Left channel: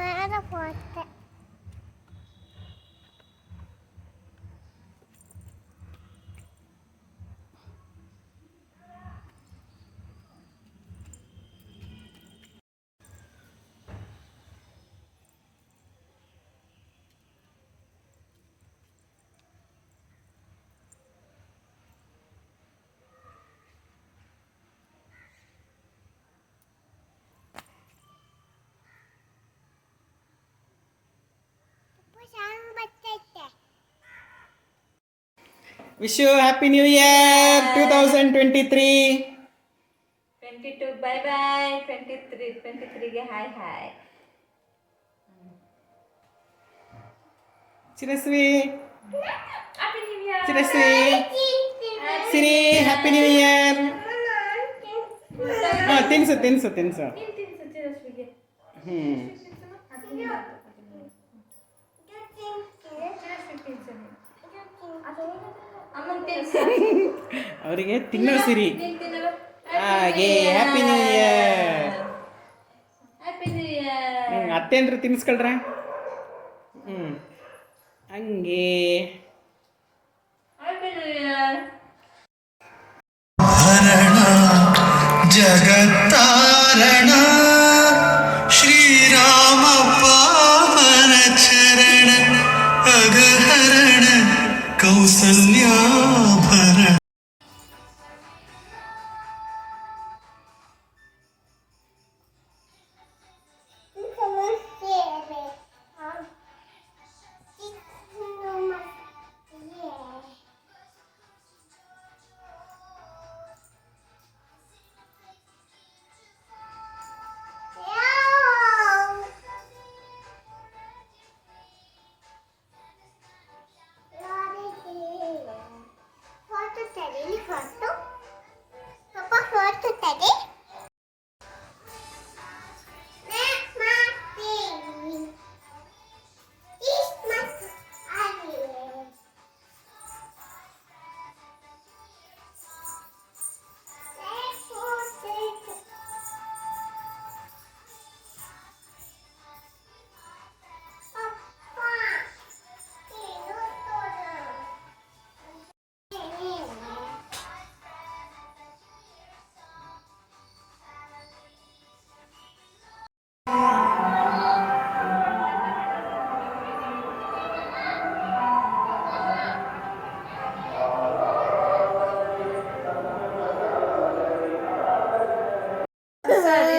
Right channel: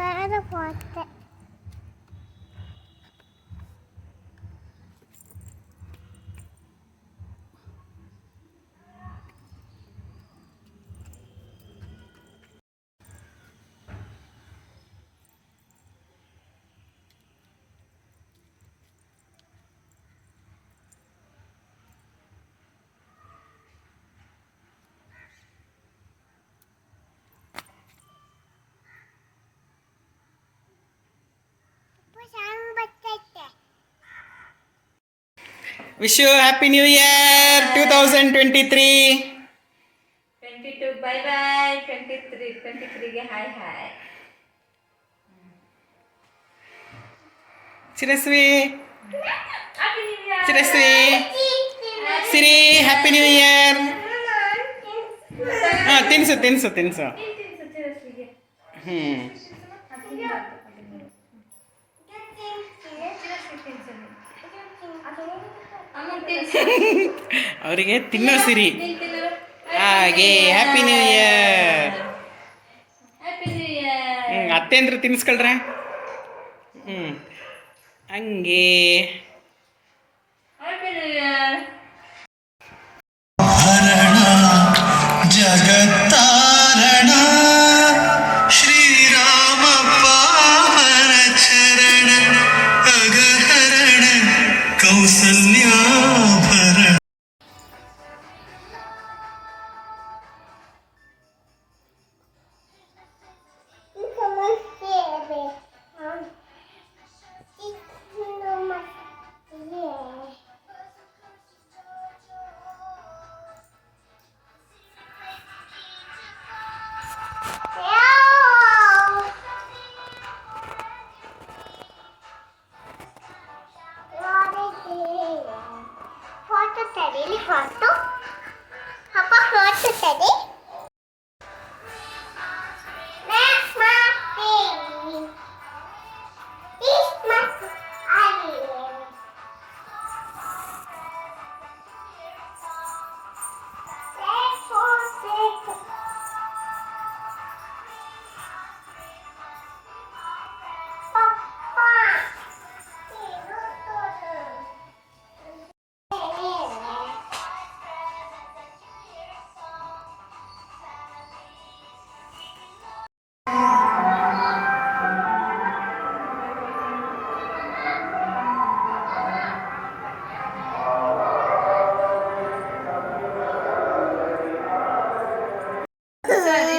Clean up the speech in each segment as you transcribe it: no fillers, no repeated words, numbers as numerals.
ಬೇರೆ ಪೋತೆ Wish you Happy New Year 2023. 22 bye bye. 23 ಗೆ hi hi. Chirasvi. Happy New Year. Chirasvi. Siri Happy New Year. ತಿನ್ಸು ಚಿರಸ್ವಿಗೆ. ಅವರಿಗೆ ತಿನ್ನೋ ಸಿರಿ ಹಾಗೆ happy new year. Happy new year. ಅತ್ತೆ ಅಂದ್ರೆ ತಿನ್ಸ್ಕೊಳ್ರೆ ಹಂಗೆ ಹ್ಯಾಪಿ ನ್ಯೂ ಇಯರ್. ಜಗತ್ತಾರಣ ಶ್ರೀರಾಮ ಪಾವನ ಚರಣ ಅಗಹರಣ ಕೌಸಲ್ಯಾಭರಣ. ಫೋಟೋ ತೆಗೀಲಿ ಫೋಟೋ ಅಪ್ಪ ಫೋಟೋ ತೆಗಿ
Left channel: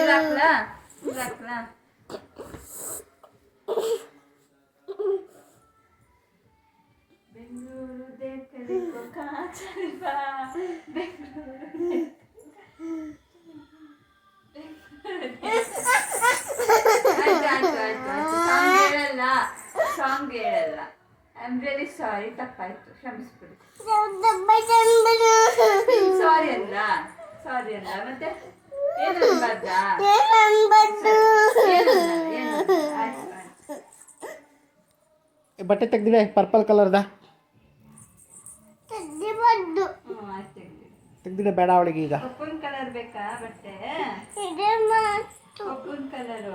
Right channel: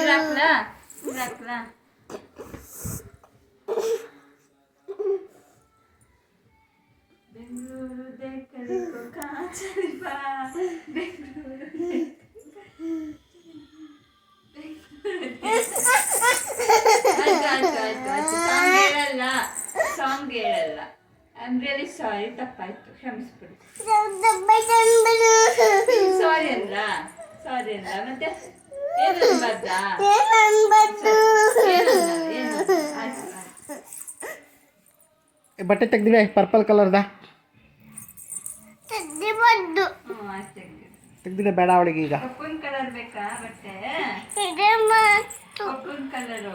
ಇರಾಕ್ಲಾ ಬೆಂಗಳೂರು ದೇಕಲಿಕೋ ಕಾಚರಿಬಾ ಬೆಂಗಳೂರು ಆಯ್ತು ಸಾಂಗ್ ಹೇಳಲ್ಲ ಐ ಆಮ್ ರಿಯಲಿ ಸಾರಿ, ತಪ್ಪಾಯ್ತು, ಕ್ಷಮಿಸ್ಬಿಡಿ. ಸಾರಿ ಅಲ್ಲ ಮತ್ತೆ ಏನು ಬರ್ದಾ ಬಟ್ಟೆ ತೆಗ್ದಿದೆ ಪರ್ಪಲ್ ಕಲರ್ದ ತೆಗ್ದಿದೆ ಬೇಡ ಅವಳಿಗೆ ಈಗ ಕಪ್ಪನ್ ಕಲರ್ ಬೇಕಾ ಬಟ್ಟೆ? ಕಪ್ಪನ್ ಕಲರು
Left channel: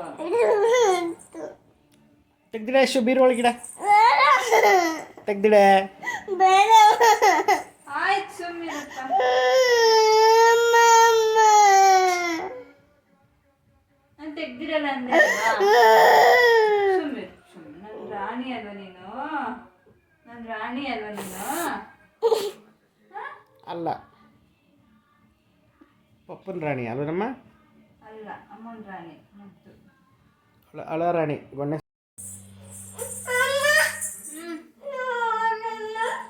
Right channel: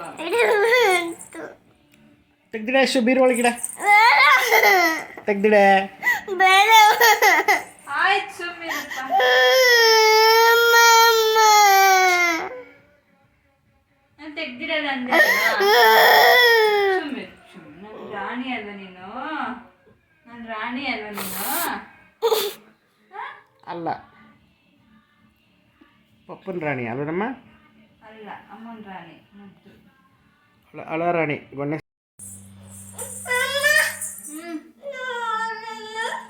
ತೆಗ್ದಿಡೆ ಅಷ್ಟು ಬೀರು ಒಳಗಿಡ ತೆಗ್ದಿಡೆ ಆಯ್ತು ಸುಮ್ಮಿರಪ್ಪ. ನಾನು ತೆಗ್ದಿರಲ್ಲ ಅಂದೆ ಸುಮ್ಮಿರು. ನನ್ನ ರಾಣಿ ಅಲ್ವಾ ನೀನು? ಅಲ್ಲ ಪಪ್ಪನ ರಾಣಿ ಅಲ್ವನಮ್ಮ? ಅಲ್ಲ, ಅಮ್ಮನ ರಾಣಿ. ಮತ್ತು ಅಳ ರಾಣಿ ಗೊನ್ನೆ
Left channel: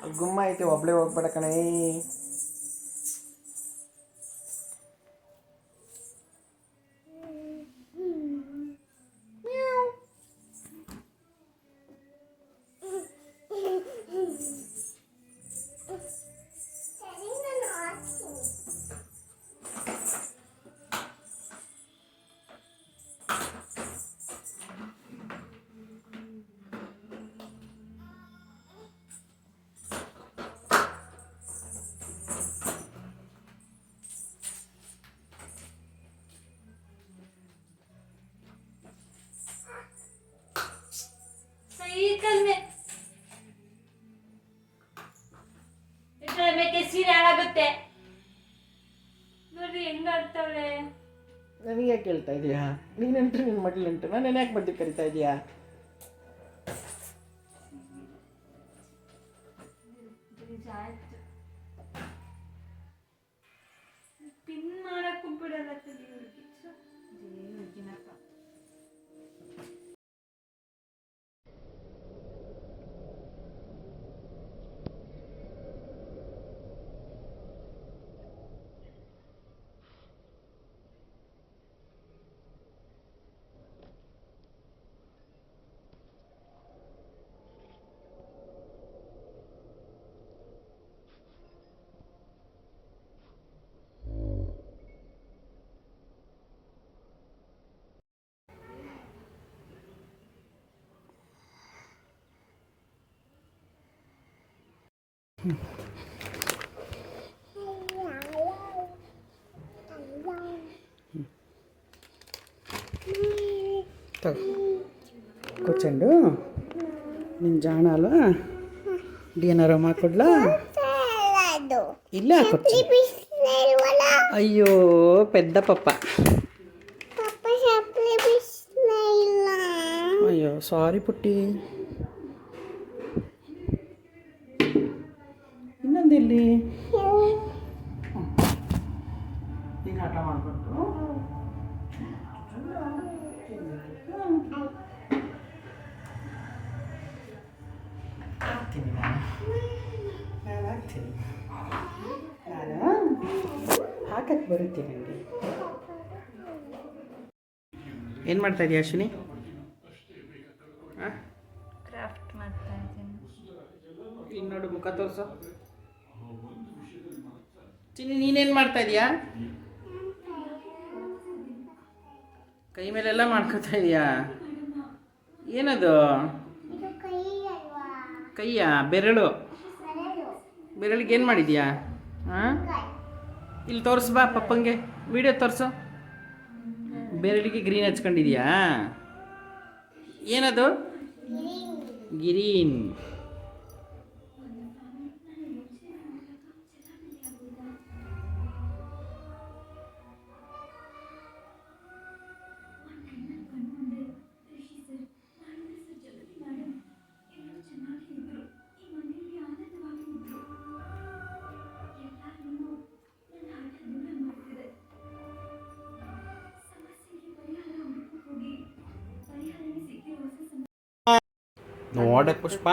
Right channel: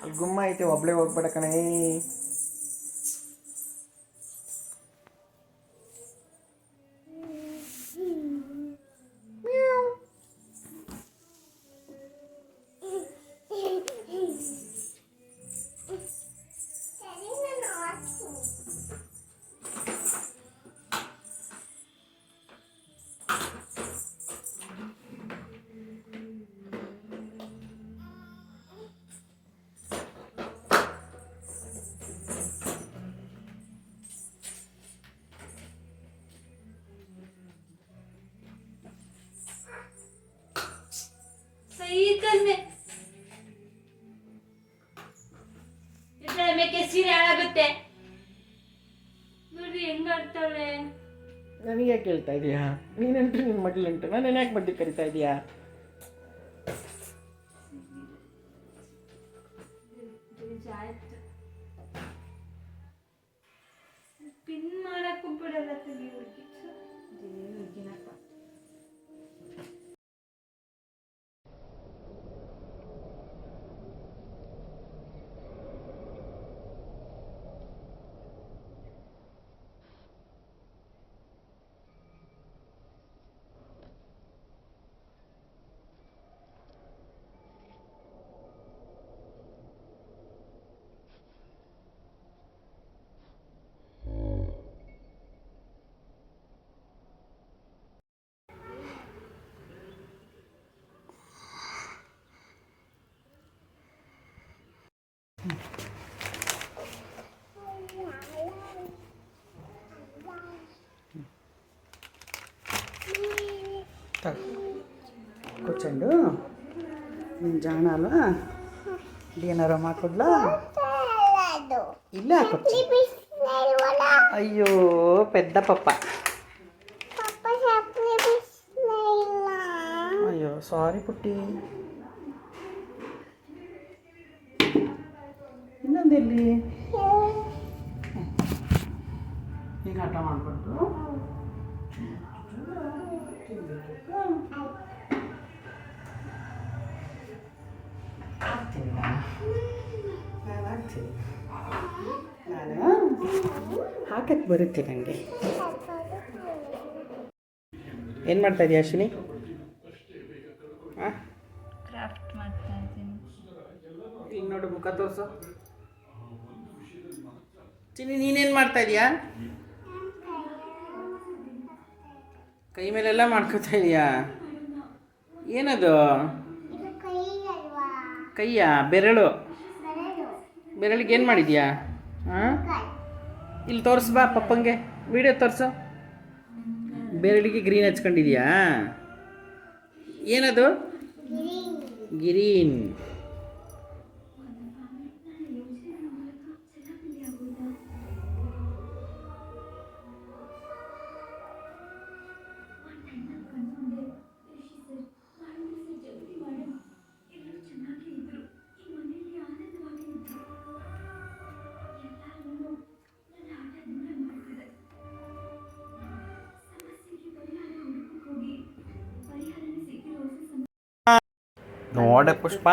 ಅಲ್ಲಿ ಗುಮ್ಮ ಐತೆ ಒಬ್ಳೆ ಹೋಗ್ಬೇಡ ಕಣೇ. ಕಲ್ಮೆ ಮೇಕೆ ಸೀರೆ ಹಾಳಾಗುತ್ತೆ ನೋಡ್ರಿ ಹೆಂಗ ಆಡ್ತಾವಳೆ. ನನಗೆ ಯಾಕೆ ಹೇಳ್ತಾ ಇದೀಯಾ? ನೀನಂಟು ನಿನ್ನ ಮಗಳಂಟು ನಾನು ಯಾಕೆ ಮಧ್ಯೆ ಕರಿತಾ ಇದೀಯಾ? ಪಿನ್ ಮಾಡಕ್ಕೂ ಬಿಡಲ್ಲ ಕಲಿ ಹುಡುಗಿನಪ್ಪ. కూర్చోండు. నేను జానాలా డిన్నర్ అమ్మా కొడ్లా ಇಲ್ಲ కూర్చో. అయ్యో పెద్ద పప్ప. అయ్యో సారీ ಪುಟ್ಟಿ. ಇನ್ನೊಂದೆಲ್ಲಿ ಈಗ ಆಟ ಮಾಡ್ಬಾರ್ದು. ಆಗ್ತೀನಿ ನಾನು ಆಗ್ತೀನಿ. ನಾನು ಹಾಕಕ್ಕೆ ಬರುತ್ತೆ ನನಗೆ. ಏನು ಮಾಡ್ತಾ ಇದೀಯ ಅಶ್ವಿನಿ? ಕ್ರಾಫ್ಟ್ ಮಾಡ್ತಾ ಇದ್ದೀನಿ. ಈಗ ನೋಡು ಮುಖ ತೋರಿಸು. ಚಿನ್ನಿ ನೀನೇನು ಮಾಡ್ತಾ ಇದೀಯಾ? ಕೈ ಮೇಲೆಲ್ಲ ಮಾಡ್ಕೊತಾ ಇದೀಯಾ? ಏನದು? ಕೈಯ ಬೆರಳು. ಬೆರಳಿಗೆ ಏನು ಮಾಡಿದ್ಯಾ? ಹಾಂ ಇಲ್ಲಿ ತೋರಿಸ್ ಬಾ ಪಪ್ಪಂಗೆ. ವಿಡಿಯೋ ತೋರಿಸು. ಬೆರಳಿಗೆ ಗ್ರೀನ್ ಹಚ್ಕೊಂಡಿದ್ಯಾ? ಏನದು? ಗ್ರೀನ್. ನೋಡೆ ಪುಷ್ಪ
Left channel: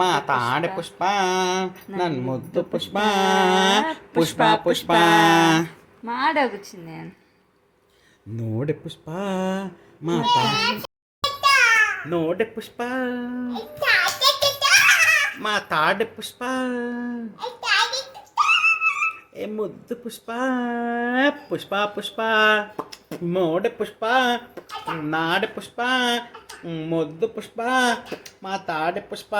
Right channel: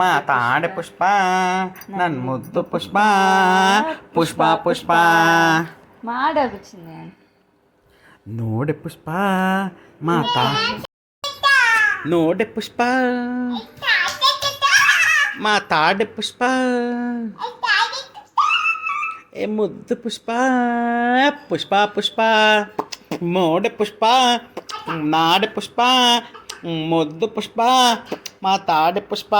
ಮಾತಾಡೆ ಪುಷ್ಪ ನನ್ನ ಮುದ್ದು ಪುಷ್ಪ ಪುಷ್ಪ ಪುಷ್ಪ ಮಾಡೋಗು ಚಿನ್ನ. ನೋಡೆ ಪುಷ್ಪ ಮಾತಾ ನೋಡೆ ಪುಷ್ಪ ಮಾತಾಡೆ ಪುಷ್ಪ ಏ ಮುದ್ದು ಪುಷ್ಪ ಪುಷ್ಪ ಪುಷ್ಪ ಮೋಡೆ ಪುಷ್ಪ ನಾಡೆ ಪುಷ್ಪ ಮುದ್ದು ಪುಷ್ಪ ಮಾತಾಡೆ ಪುಷ್ಪ.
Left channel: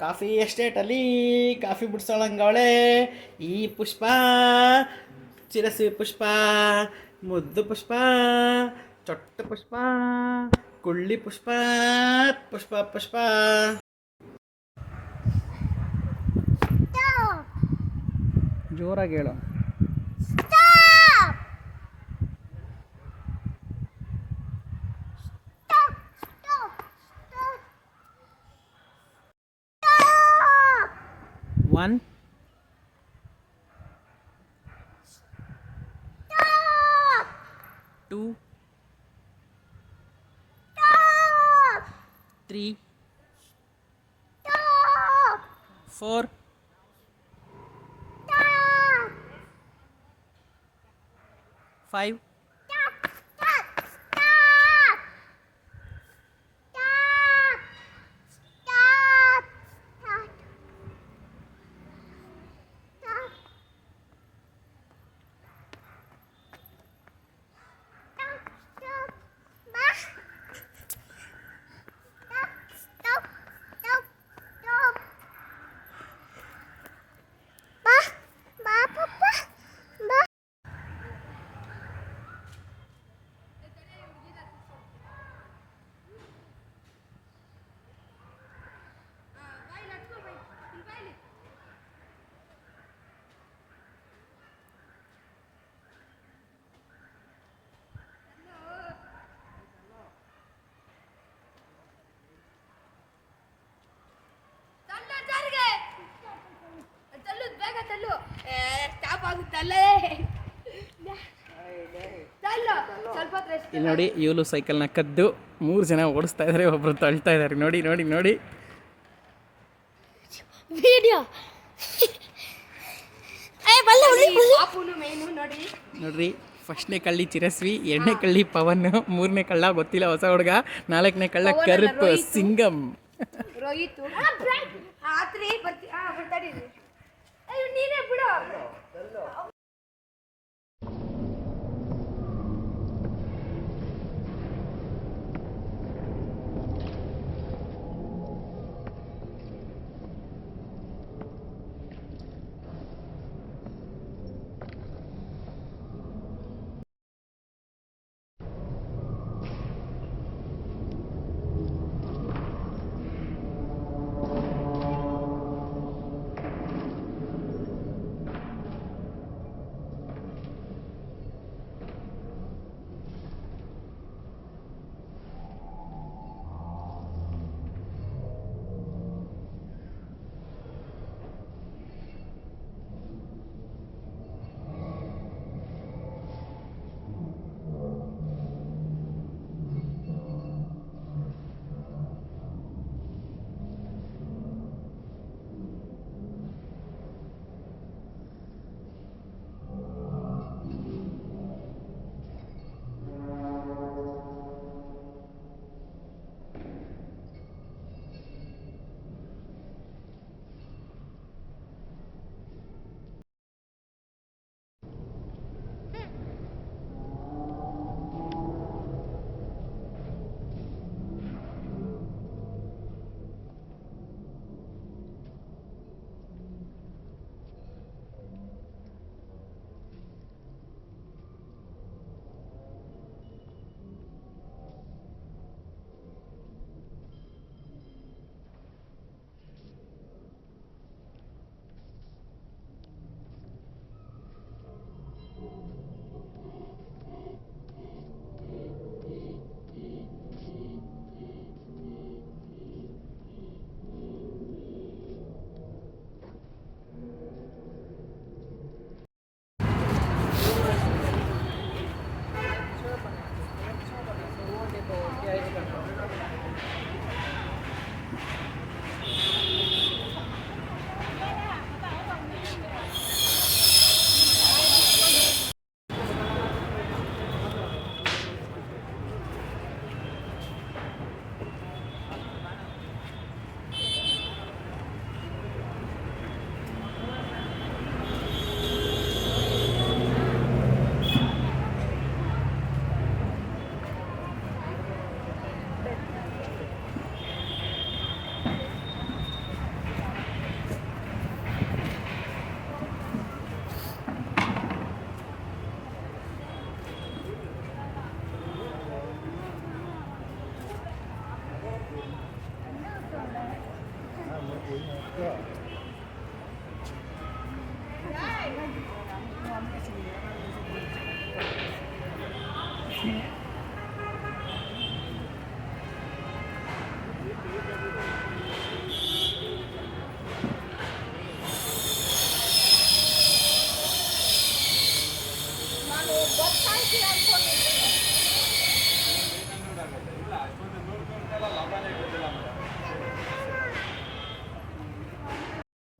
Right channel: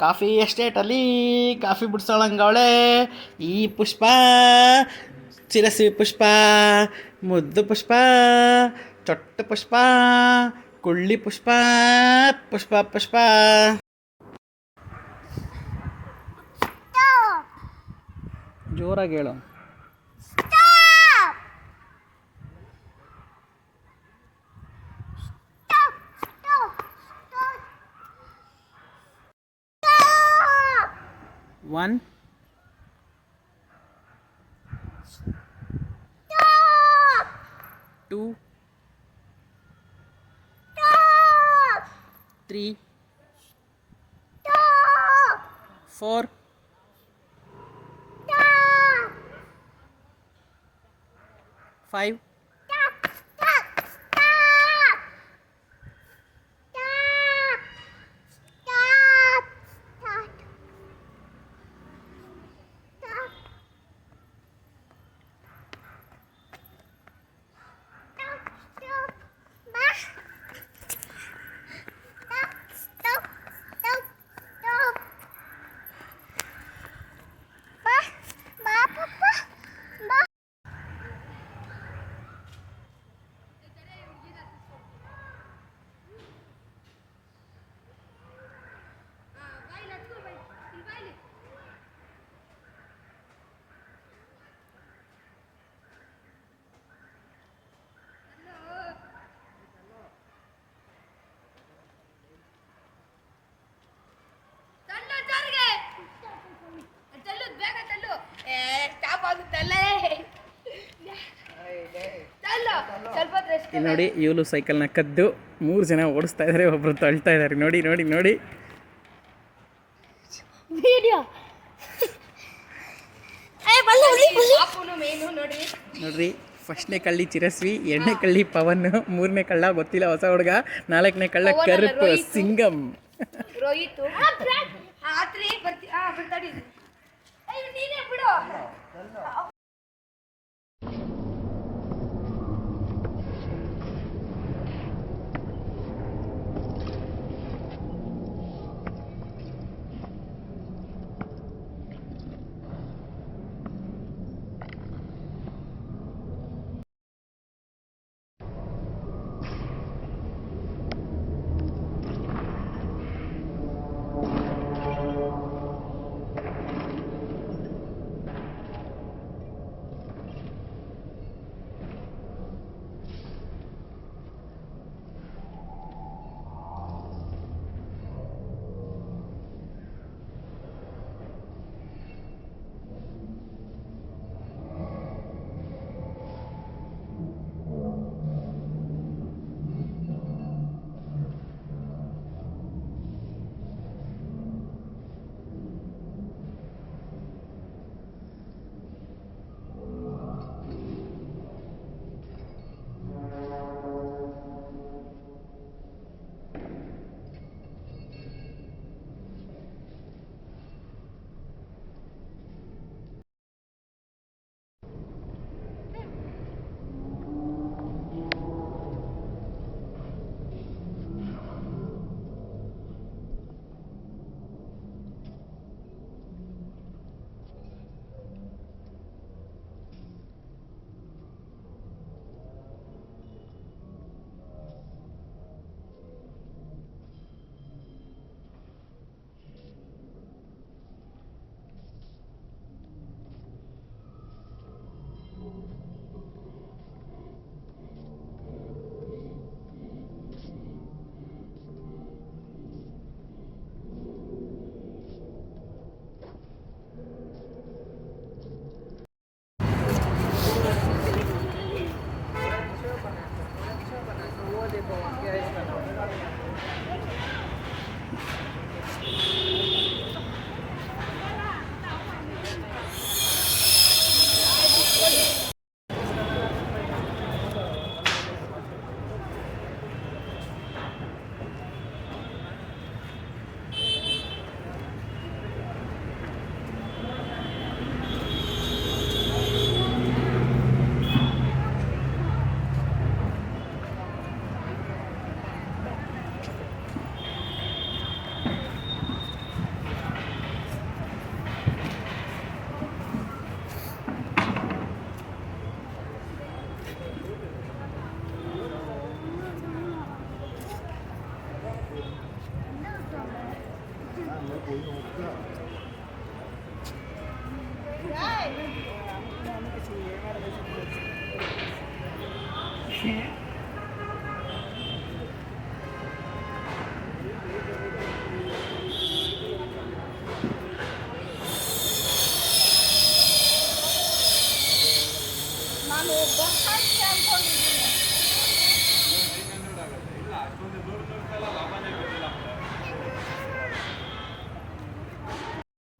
ಕಾಫಿ ಎಸ್ಟೇಟಲ್ಲಿ ಕಾಫಿ ಬಿಡ್ಸೋಳಂಗವಳೆ ಈ ಪುಷ್ಪ. ಚಿರಸಿ ಪುಷ್ಪ ಮುದ್ದು ಪುಷ್ಪ ಚೊಟ್ಟ ಪುಷ್ಪ ಕುಳ್ಳಿ ಪುಷ್ಪ ಪುಷ್ಪ ಪುಷ್ಪ. ಜೋರಾಗಿ ಹೇಳು. One, two, three, four, five, ಇಲ್ಲಿ ನೋಡಿ ಇವಳು ಸೈಕಲ್ನ ಕದ್ದು 3 ಜನ ಓಡಿಸ್ತಾ ಇದ್ದಾರೆ, ಒಬ್ರು ತಳ್ತಾ ಇದ್ದಾರೆ. ನೋಡಿ ನೋಡಿ ನೋಡಿ ವಿಡಿಯೋ ನೋಡ್ರಿ. ಫಸ್ಟ್ನೇ ಕಳ್ಳಿ ಚಿರಸ್ವಿ, 2ನೇ ಕಳ್ಳಿ ಪವನ್, 3ನೇ ಕಳ್ಳ ಗೊತ್ತಿಲ್ಲ ಹೊಸ ಹುಡುಗ, 4ನೇ ಕಳ್ಳ ಕರುಪ್ ಸಿಂಗಮ್. ರೋಹಿತ್ ಆತ್ರಿ ಬರ್ತಾಡಿ ನೀನೇ ಬಿಡು.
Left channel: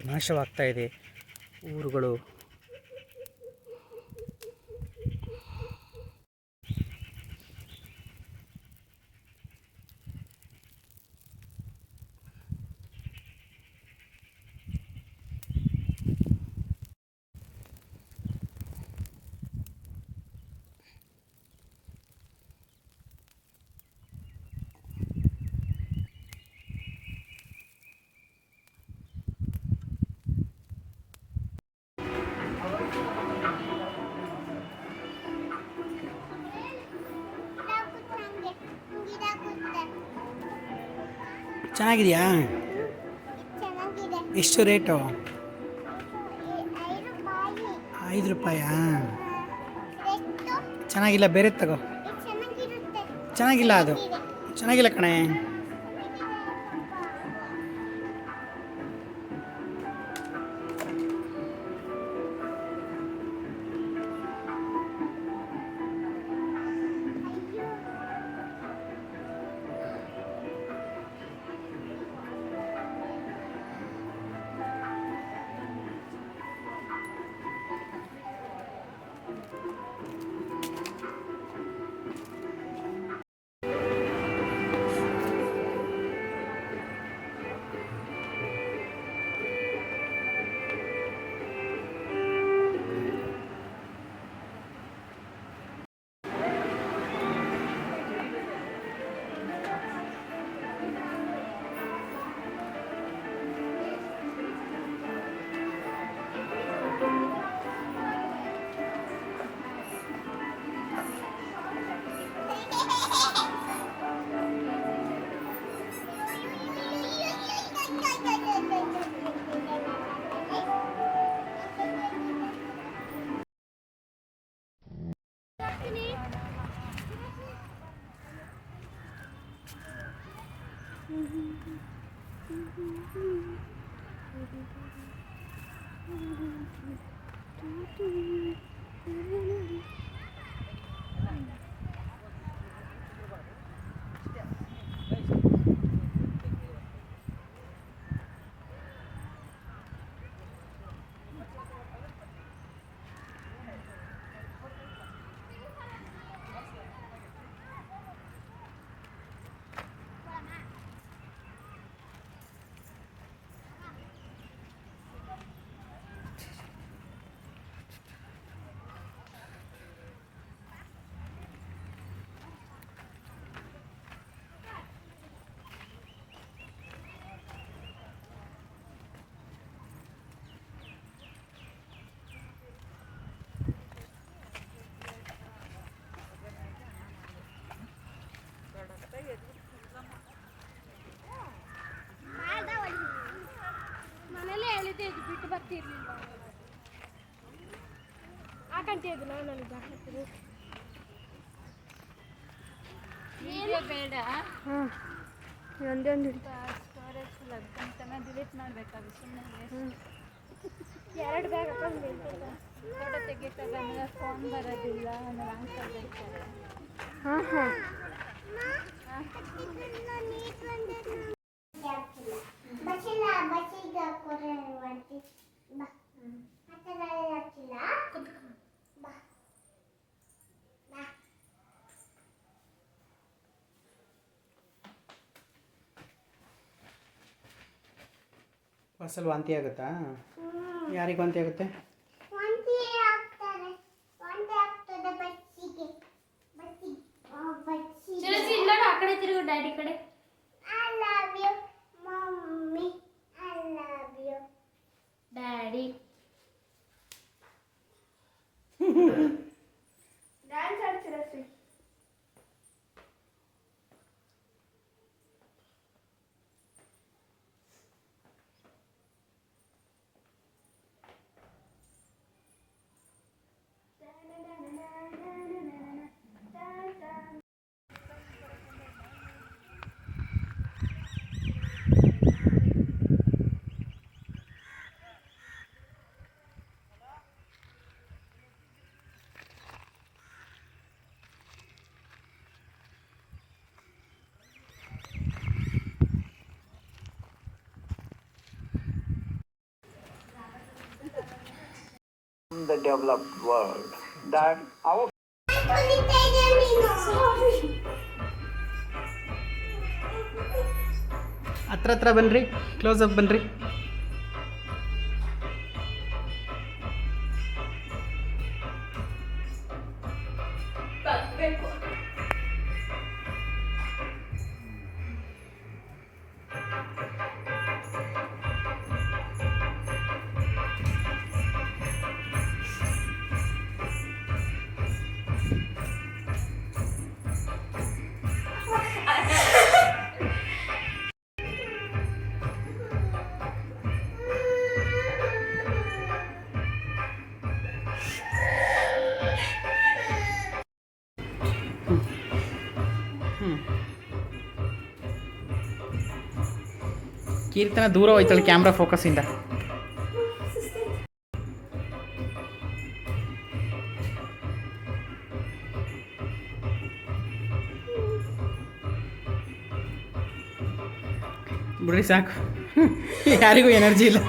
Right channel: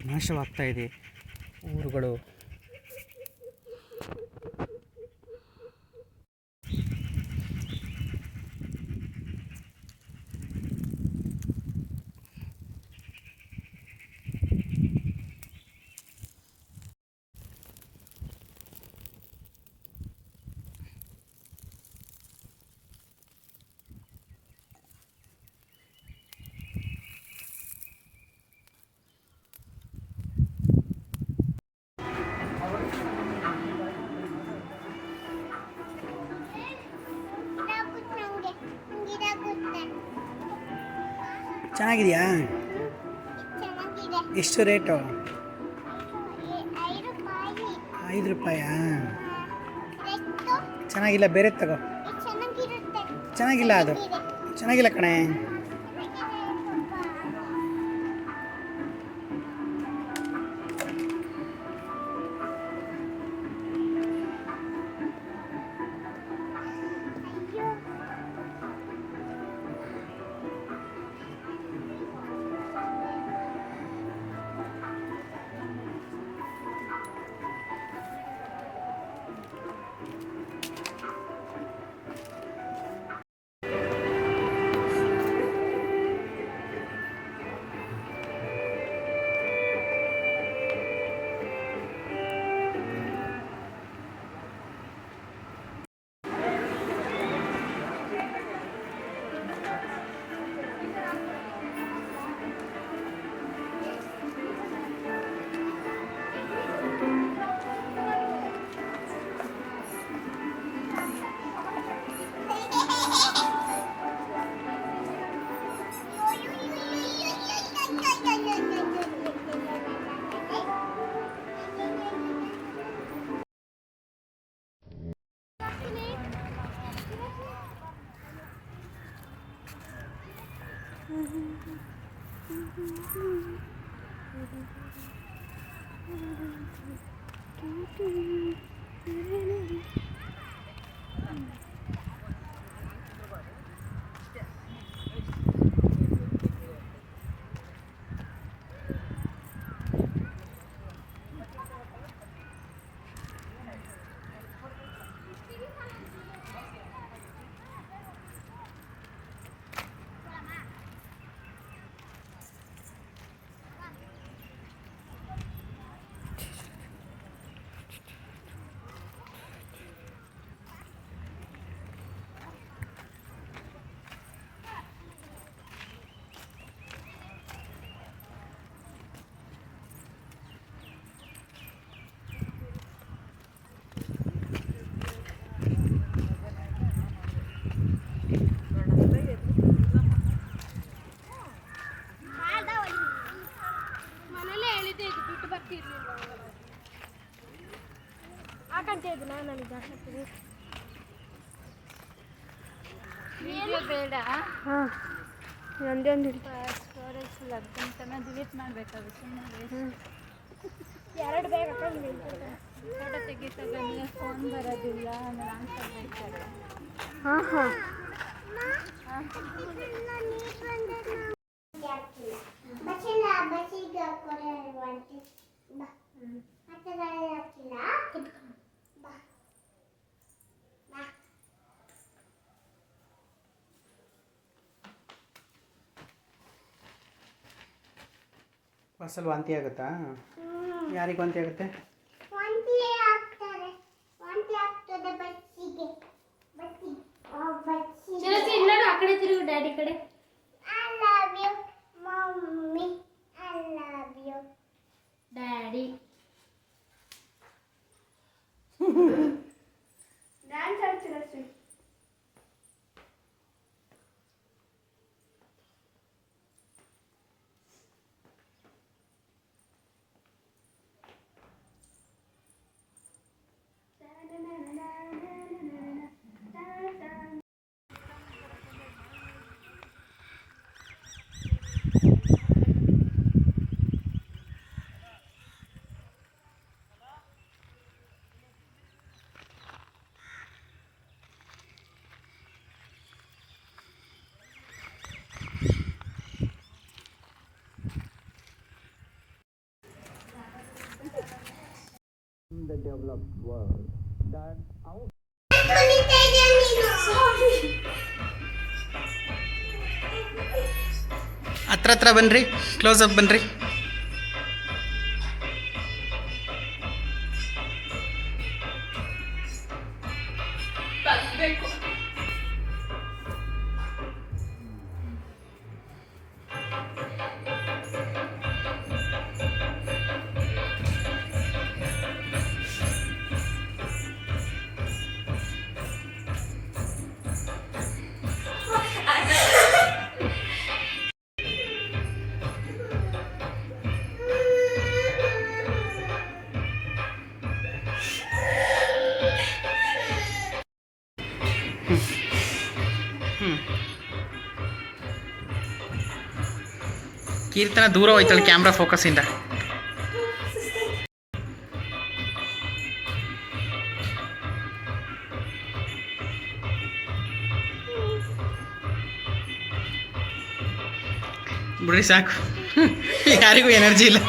ನಾಶವಾಗ್ತಾ ಇದೆ ಊರುಗಳು. ಚೆನ್ನಾಗಿದೆಯಾ? ಚೆನ್ನಾಗಿದೆ. ಎಷ್ಟು ರೇಟು? 5 ರೂಪಾಯಿ. 5 ರೂಪಾಯಾ? ಎಷ್ಟು? ಚೆನ್ನಾಗಿಲ್ಲ, ಬೇರೆ ತಗೋ. ಚೆನ್ನಾಗಿರುತ್ತೆ. ಚೆನ್ನಾಗಿಲ್ಲ, ಅದು ಚೆನ್ನಾಗಿಲ್ಲ ಕಣೆ. ಮನೇಲೇ ಹೇಳಿದ್ದೆ ಇದು ಬಿಟ್ಟು ಬರ್ತಿರ್ಲಿಲ್ಲ ಹಾಕಂತ ಇದ್ದು ನಾನು ನನಗೆ ಹಾಕ್ತೀನಿ ವಿಡಿಯೋ ಬೇಡ. ಹಾಂ ಒಂದೊಂದು ಸ್ಟೋರೇಜ್ ಫುಲ್ ಆಗುತ್ತೆ ಡಿಲೀಟ್ ಮಾಡಬೇಕಾದ್ರೆ ಸುಮ್ಮನೆ ಎರಡು ಬ್ಯಾಗ್ ಹಾಕೊಂಡು ಫೋಟೋ ತೆಗಿತಾಗ ಆಮೇಲೆ ಫೋನ್ ಬರೋದಿಲ್ಲ ಆಮೇಲೆ ಆನ್ಸರ್ ಕೊಡ್ತಾರೆ. ಹಾಂ ಹಾಂ ಬಸ್ಸಿಗೆ ಕೊಡುವಂತೆ ಬಾ ಹತ್ತದಲ್ಲಿ ಹಾಕಿಲ್ಲ ಬಾ ಬಾ ಬಸ್ಸಲ್ಲಿ ವಾಂತಿ ಆಗುತ್ತಾ? ಯಾರಿಗೆ ವಾಂತಿ ಆಗುತ್ತೆ? ವಾಂತಿ ಆಗ್ತಾರೆ ವಾಂತಿ ಆಗ್ತದೆ ಬಸ್ಸಿಗೆ ಬಸ್ಸಿಗೆ ಇಲ್ಲ ಆ ಕಡೆ ತಿರುಗು ಡ್ಯಾಡಿ ಕಡೆ I love you mommy I love you daddy dance ಆಡ್ತೀರಾ Shri the developed world that our ಹತ್ರ ಬನ್ನಿರಿ, ಕ್ಲೋಸಪ್ ಬನ್ನಿರಿ. ಕೀರ್ತನ ದೂರ ಹೋಯ್ತಲ್ಲ ಕ್ಯಾಮ್ರಾ ಫೋಕಸಿಂದ. ಬಿಡ್ರಿ ಸಾಕು, ಯಾರಿಗೂ ಎನರ್ಜಿ ಇಲ್ಲ.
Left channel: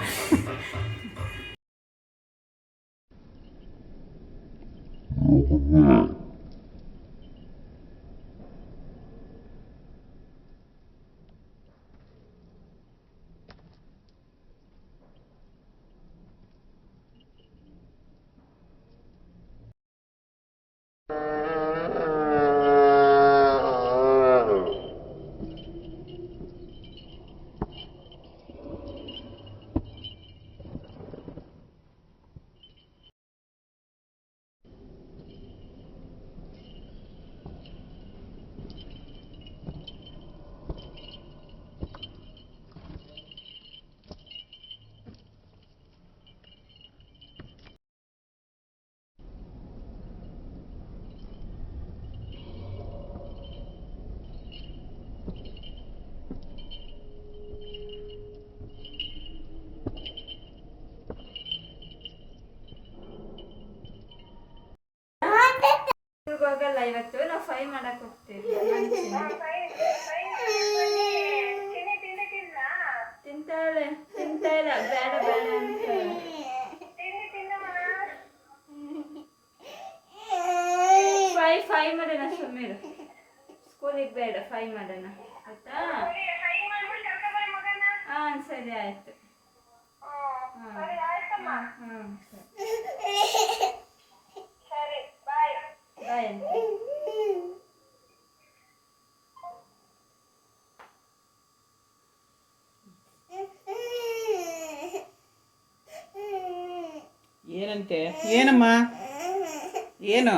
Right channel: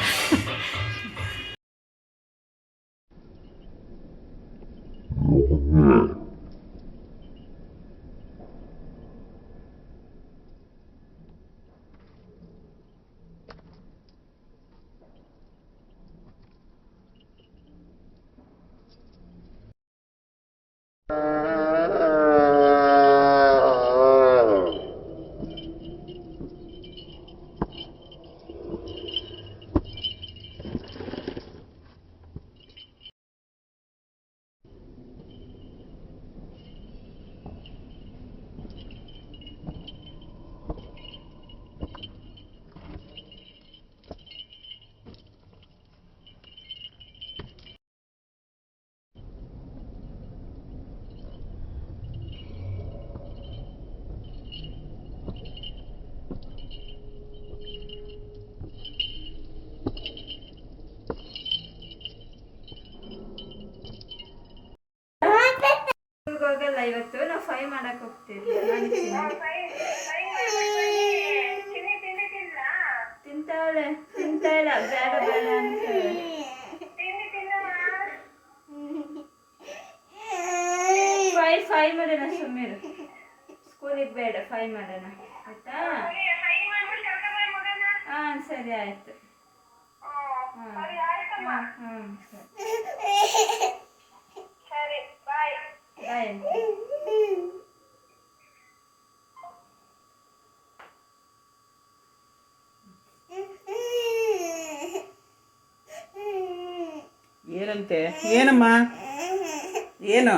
ಮಾಡೋಣ ಸುಮ್ಮನೆ ಸ್ಕೂಲಿಗೆ ಬೇಡ ಫೈ ಮಾಡೋಣ ಆಯ್ತಾ ಹಾಂ ಸರಿ ಆಯಿತು ಹಾಂ ಸರಿ ಬಾಯ್ ಅಂತ ಏನಂತೆ ಏನಮ್ಮ ಏನು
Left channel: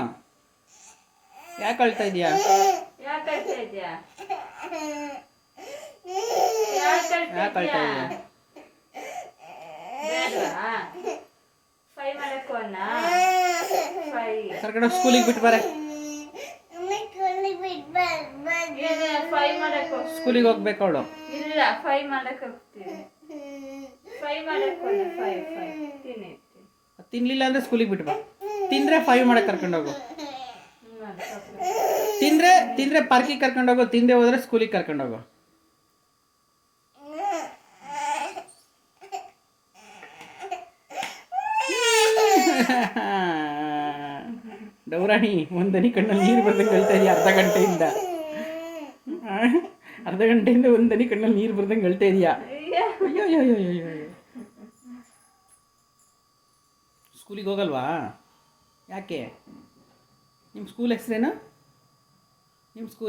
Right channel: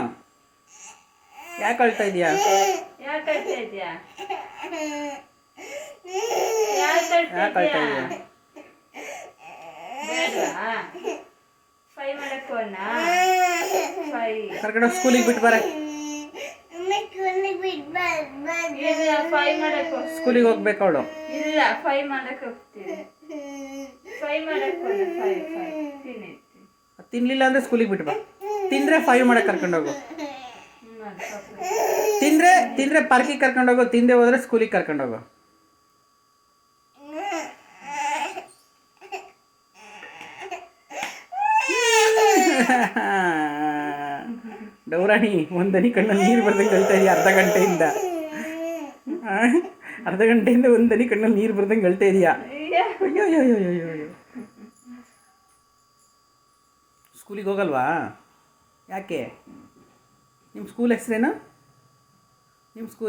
ಯಾಕೆ ಅಳ್ತಾ ಇದೆಯಾ ಯಾಕೆ ಅಳ್ತಾ ಇದೆಯಾ ಬೇಡವಾ ಫೈ ಮಾಡಕ್ಕೂ ಅಣ್ಣ ಫೈ ಕರ್ಕೊಂಡು ಸ್ಕೂಲಿಗೆ ಬಿಟ್ಟು ಬರ ಇಲ್ಲ ಫೈ ಮಾಡಕ್ಕೆ ಸ್ಕೂಲಿಗೆ ಹೋಗ್ಬೇಕು ಅವಳು ಇಲ್ಲ ಫೈ ಮಾಡಕ್ಕೆ ಹೋಗ್ತೀವಿ ಫೈ ಮಾಡಕ್ಕೆ ಫೈ ಫೈ ತಿನ್ನಿ ತಿನ್ಲಿಲ್ಲ ಅಂದ್ರೆ ಸ್ಕೂಲಿಗೆ ಬಿಟ್ಟು ಬಾ ತಿಂದ್ರೆ 5 ಮಾಡಕ್ಕೆ ಕರ್ಕೊಂಡೋಗು ತಿಂದ್ರೆ ಪಾರ್ಕಿಗೆ ಕರ್ಕೊಂಡೋಗು ತಿಂದೆ ಹೋದ್ರೆ ಸ್ಕೂಲಿಗೆ ಕರ್ಕೊಂಡೋಗು ಡೌರಾಣಿ ಒಂದನಿ ಕಣ್ಣಲ್ಲಿ ನೀರು ಬರ್ದಂಗೆ ಹೇಳ್ತಾ ಇದೆಯಾ ಅರ್ಧ ಗಂಟೆಯಿಂದ ಒಂದನಿ ಕಣ್ಣಲ್ಲಿ ನೀರು ಬರ್ದಂಗೆ ಹೇಳ್ತಾ ಇದೆಯಾ ಅಯ್ಯೋ ಅಯ್ಯೋ ಅಯ್ಯೋ ಅಯ್ಯೋ ಅಯ್ಯೋ ಸ್ಕೂಲಿಗೆ ಹೋಗಲ್ವಾ ಯಾಕೆ ನಿಮ್ಮ ಸ್ಕೂಲ್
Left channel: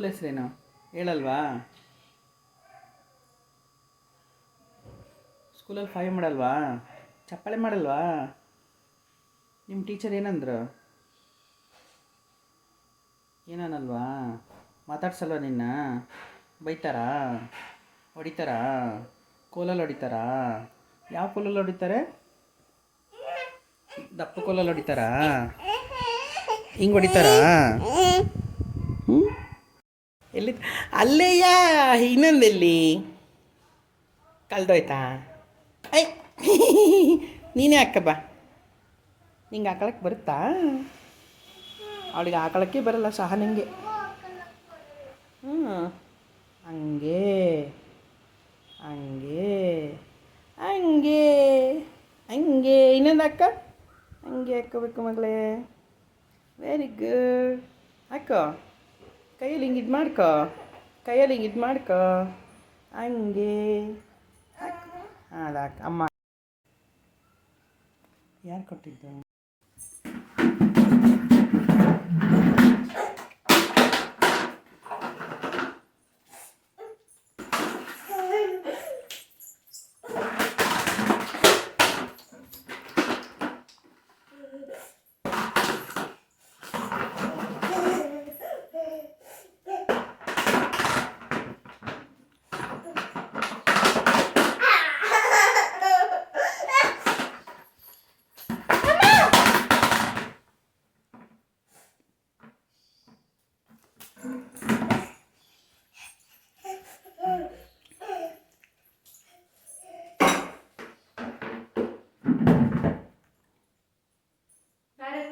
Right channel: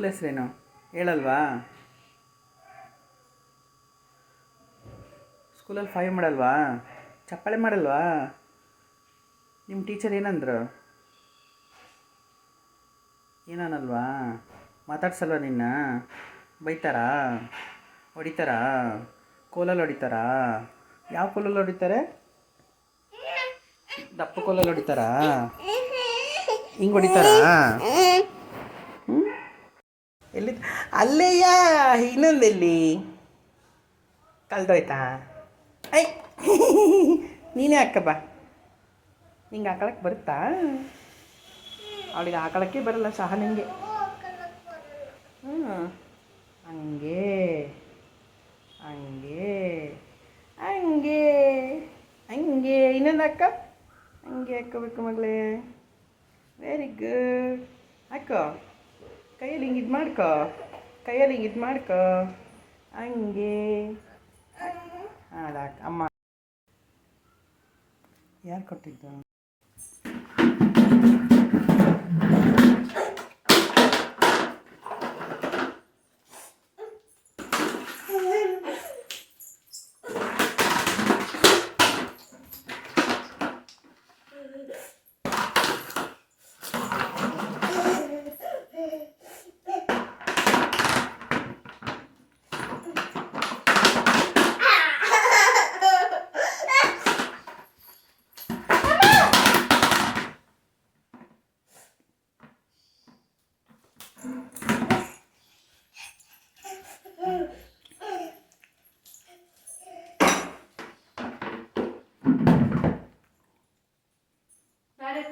ಹೆಸರೇನು ಹೇಳಲ್ವಾ ಸ್ಕೂಲಲ್ಲಿ 5 ಮಾಡಲ್ವಾ ಚಪ್ಪಾಳೆ ಮಾಡಲ್ವಾ ನಿಮ್ಮ ಟೀಚರ್ ಏನಂದ್ರು ಏನನ್ನಲ್ವಾ ಮಾತಾಡ್ಸಲ್ವಾ ನಿನ್ನ ಬೈತಾರಾ ಹೊಡಿತಾರಾ ಕೋಲಲ್ಲಿ ಹೊಡಿತಾರಾ ಯಾವ ಕೋಲಲ್ಲಿ ಹೊಡಿತಾರೆ ದಪ್ಪ ಕೋಲಲ್ಲಿ ಹೊಡಿತಾರಾ ಹಿಂಗೆ ಹೊಡಿತಾರಾ ಎಲ್ಲಿ ಅಲ್ಲೇಯ ಇನ್ನೊಂದೆಲ್ಲಿ ಕಲ್ದೋಯ್ತಾ ಐ ನೀನೇ ಹಾಕ ಬಾ ನಿಂಗೆ ಹಾಕೊಳಕ್ಕೆ ಬರುತ್ತಾ ಅವಳಿಗೆ ಹಾಕೊಳಕ್ಕೆ ಬರಲ್ಲ ನಿಂಗೆ ಹಂಗೆ ಹಂಗೆ ಹಂಗೆ ಹಂಗೆ ಇನ್ನೊಂದು ಅಕ್ಕ ಹಂಗೆ ಹಾಕ್ಕೋಬೇಕು ಮಗಳೇ ವೆರಿ ಗುಡ್ ಹಾಕೋ ಕೈಯಲ್ಲಿ ಹಿಂಗೆ ಇದು ಮಾಡ್ಕೋ ಕೈಯಲ್ಲಿ ಹಿಂಗೆ ಇದು ಮಾಡ್ಕೋ ಹಂಗೆ ಅದು ಅಮ್ಮ ಯಾರು ಕೊಟ್ಟಿದ್ದು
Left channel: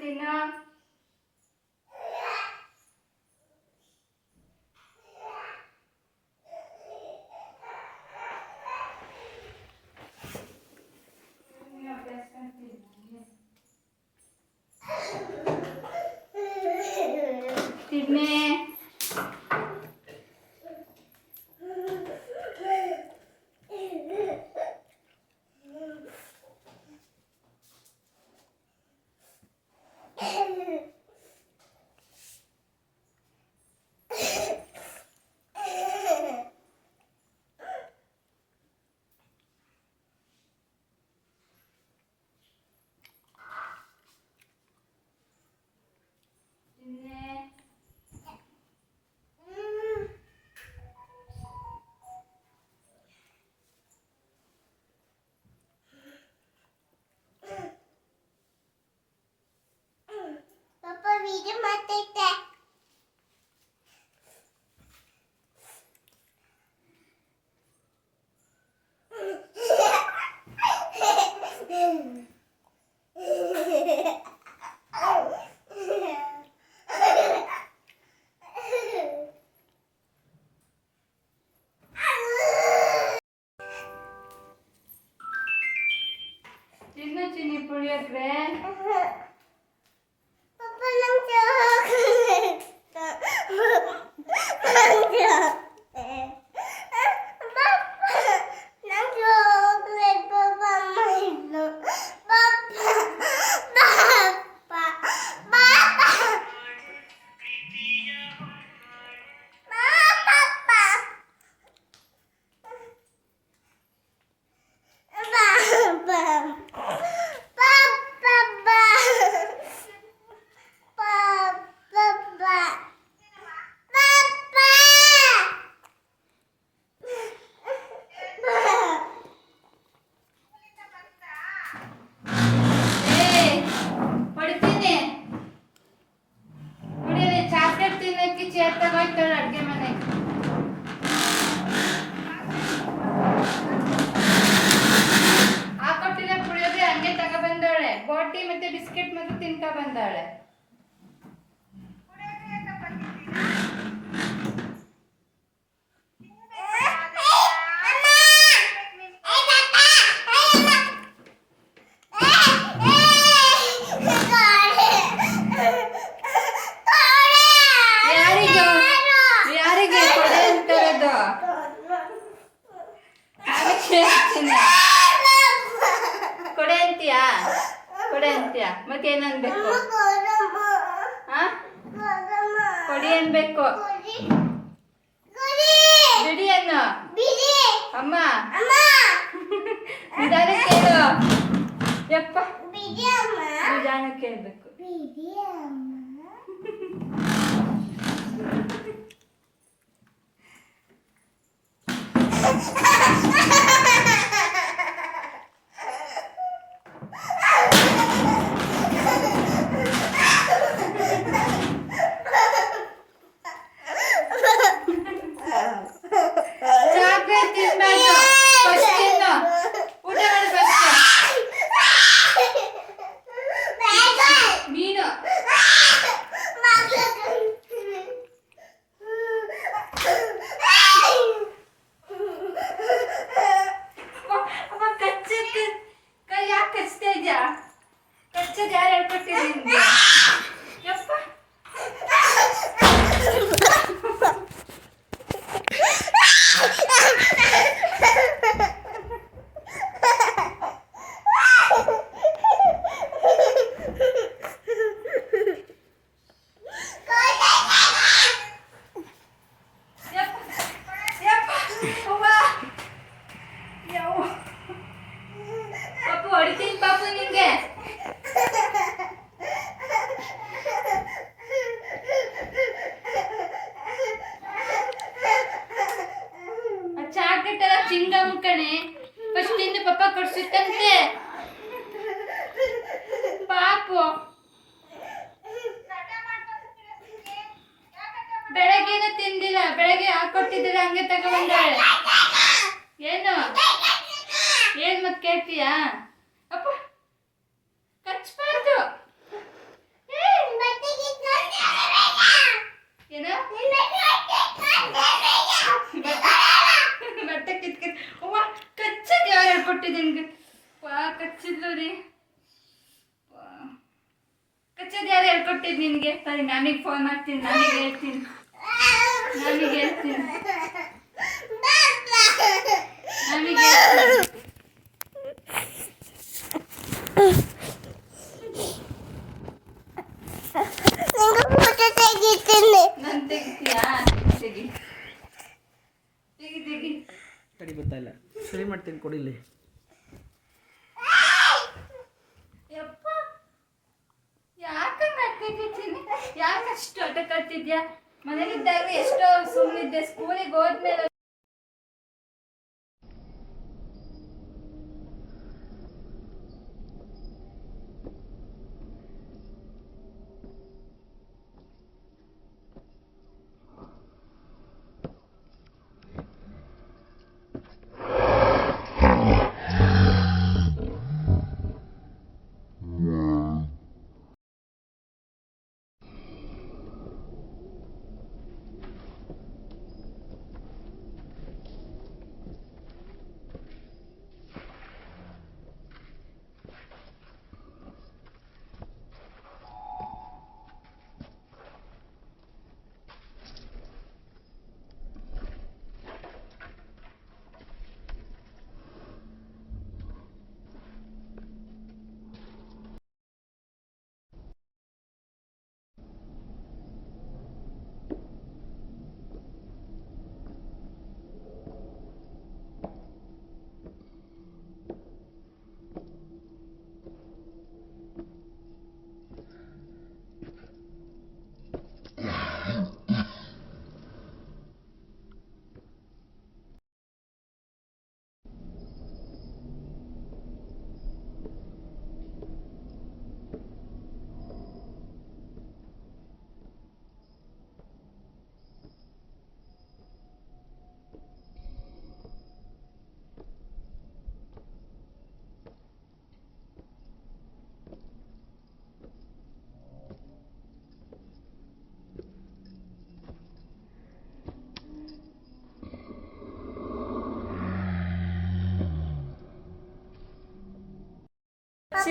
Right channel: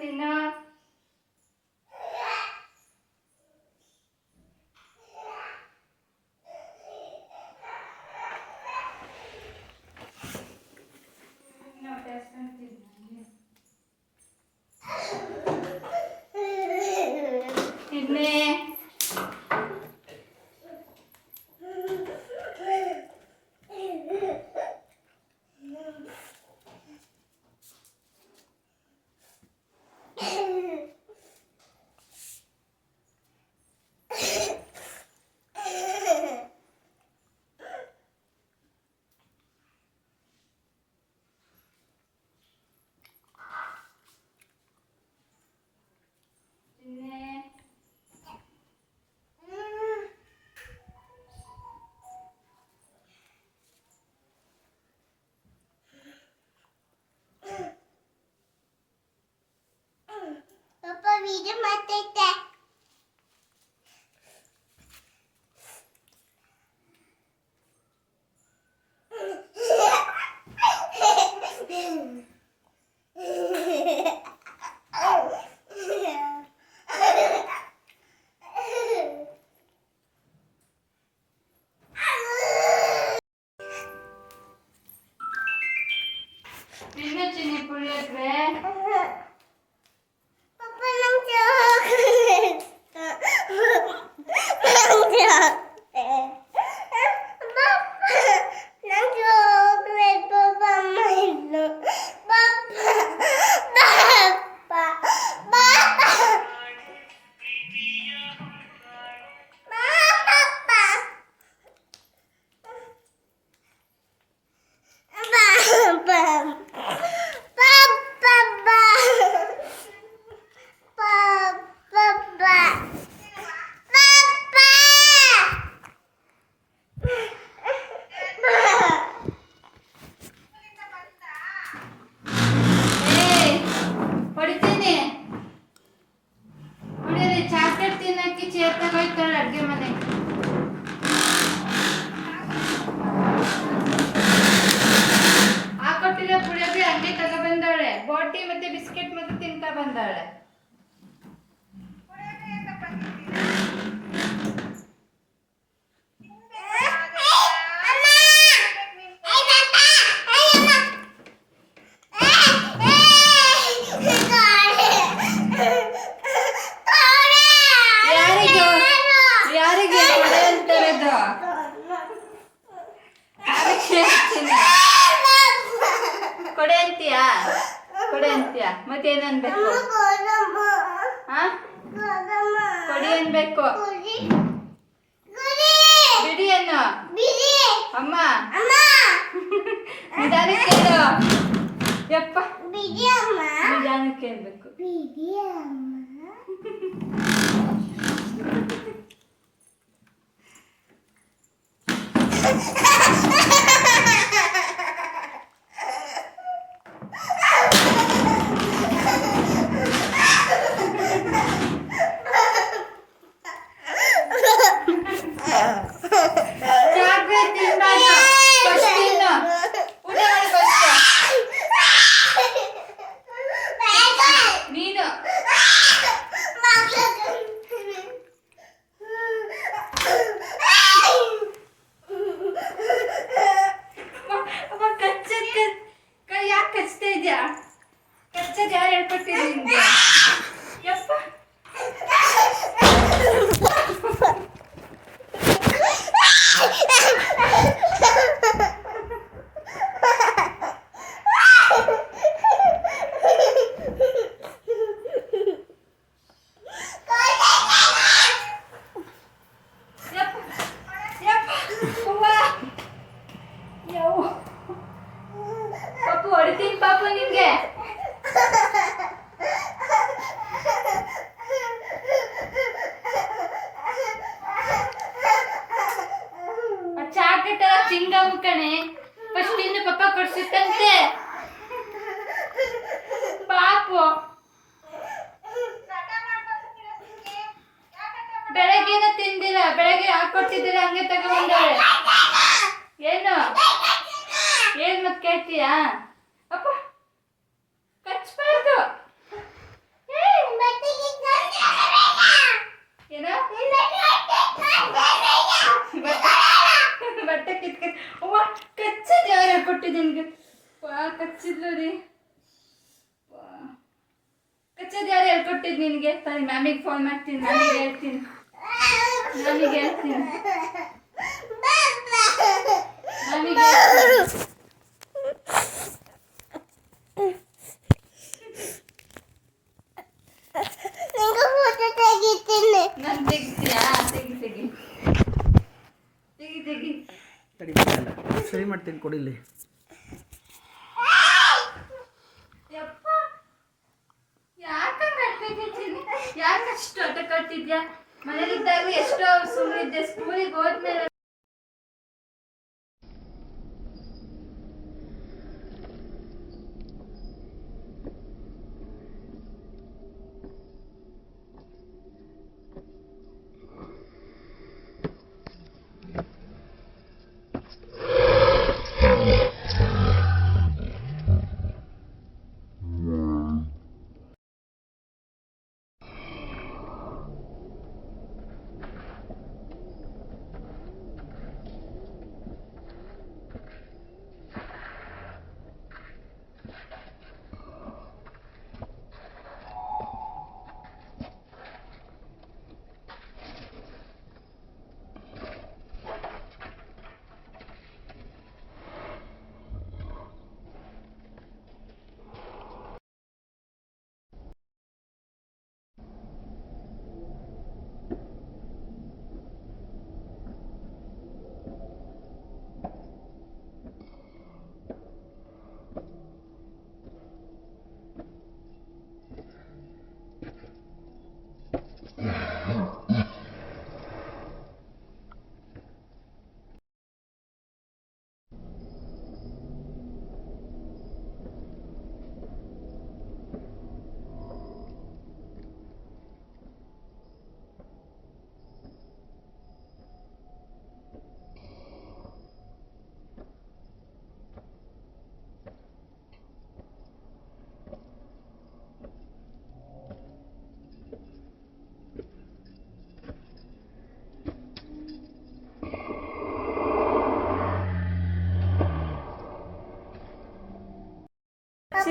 ತಿನ್ನೋ ತಿನ್ನೆ Papa video ಮಾಡ್ತೈತೆ ತಿನ್ನು ಚಿನ್ನಿ ಪುಳಿಯೋಗ್ರೆ Papa, lang siya. ಕೊಡ್ತಾರೆ. ಯಾರಿಗೆ ಯಾರಿಗೆ ಕೊಡೆ ಅಂತ ಇರೋದು? ಅದಕ್ಕೆ ಹೇಳ್ತೀನಿ. ಕೊಡೆ ಅಂತೀಯಾ? ಕೊಡೆ ಅಂತೀಯಾ? ಮತ್ತೇನು ಅನ್ಬೇಕು? ಹಾ, ಕೊಡಿ ಅನ್ಬೇಕು. ಬಿಡಿ ಅನ್ನು. ಅಮ್ಮ ನಿಧಾನಕ್ಕೆ ಹೇಳು. ಯಪ್ಪ ನಿಧಾನಕ್ಕೆ ಹೇಳ್ಬೇಕು. ಚಾಕ್ಲೇಟ್ ತಿನ್ಬಾರ್ದು. ಫಸ್ಟ್ ತಿನ್ನು. ಊಟ ಮಾಡು ಫಸ್ಟ್. ನೀನು ಅಮ್ಮ ಕಚ್ಚಕ್ಕೆ ಕೈ ಯಾಕೆ ಕಚ್ತಾ ಇದ್ಯಾ? ಕಚ್ಚೋದು ಯಾರು ಹೇಳ್ಕೊಟ್ಟಿದ್ರು ನಿಮ್ಗೆ? ಯಪ್ಪ ಪಾಪು ಹೊಡಿತೀನಿ ಪಾಪು ನಿಮ್ಗೆ. ಚಾಕ್ಲೇಟ್ ಎಲ್ಲ ಚಿಂಗಮ್ ಕಣೆ. ಫಸ್ಟ್ ಇನ್ನು ಪಪ್ಪ ಕೊಡ್ಸಿತ್ತಂತೆ ಪಾಪು. ಬೆಳಗ್ಗೆನೂ ತಿಂದಿಲ್ಲ, ಬೆಳಗ್ಗೆ ಹಾಕೊಟ್ಟಿದ್ದೀರ ಹಂಗೆ ತಗೊಂಡಾಳೆ. ಏನು ಏನ್ ಮತ್ ಕೇಳ್ತೀಯಾ? ಅಪ್ಪ ಕಚ್ಬಾರ್ದು. ಏನು ಬಟ್ಟೆ ಕಿತ್ಕ. ಅವ್ವ ಕಚ್ಚದ್ ಯಾರು ಹೇಳ್ಕೊಟ್ಟಿದ್ದೆ ನಿನ್ಗೆ? ಕಚ್ಚಿದ್ಲು ರೀ. ಕಚ್ಚದ್ ಯಾರು ಹೇಳ್ಕೊಟ್ಟಿದ್ ನಿನ್ಗೆ? ಸರಿ ಮ್ಯಾಮಿಗೆ ಫೋನ್ ಮಾಡ್ತೀನಿ. ಮ್ಯಾಮಿಗೆ ಹೇಳ್ತೀನಿ. ಮ್ಯಾಮಿಗೆ ಹೇಳ್ತೀನಿ. ಮ್ಯಾಮಿಗೆ ಹೇಳ್ತೀನಿ. ನಾನು ತೆಗಿತೀಯಾ? ತೆಗಿ ತೆಗಿ ತೆಗಿ ತೆಗಿ. ಸರಿ ಮಾಡ್ತೀನಿ ಕೊಡಿಲಿ. ಯಪ್ಪ ಯಾಕಂಗ ಆಡ್ತಿದ್ದೀನಿ? ಯಾಕಷ್ಟು ಆಟ ಕಟ್ತಿದ್ಯಾ? ಮನೇಲಿದ್ದಾಗ ಎಷ್ಟೋ ಸುಮ್ಮನಿದ್ದೆ. ಸ್ಕೂಲಿಗೆ ಹೋದ್ಮೇಲೆ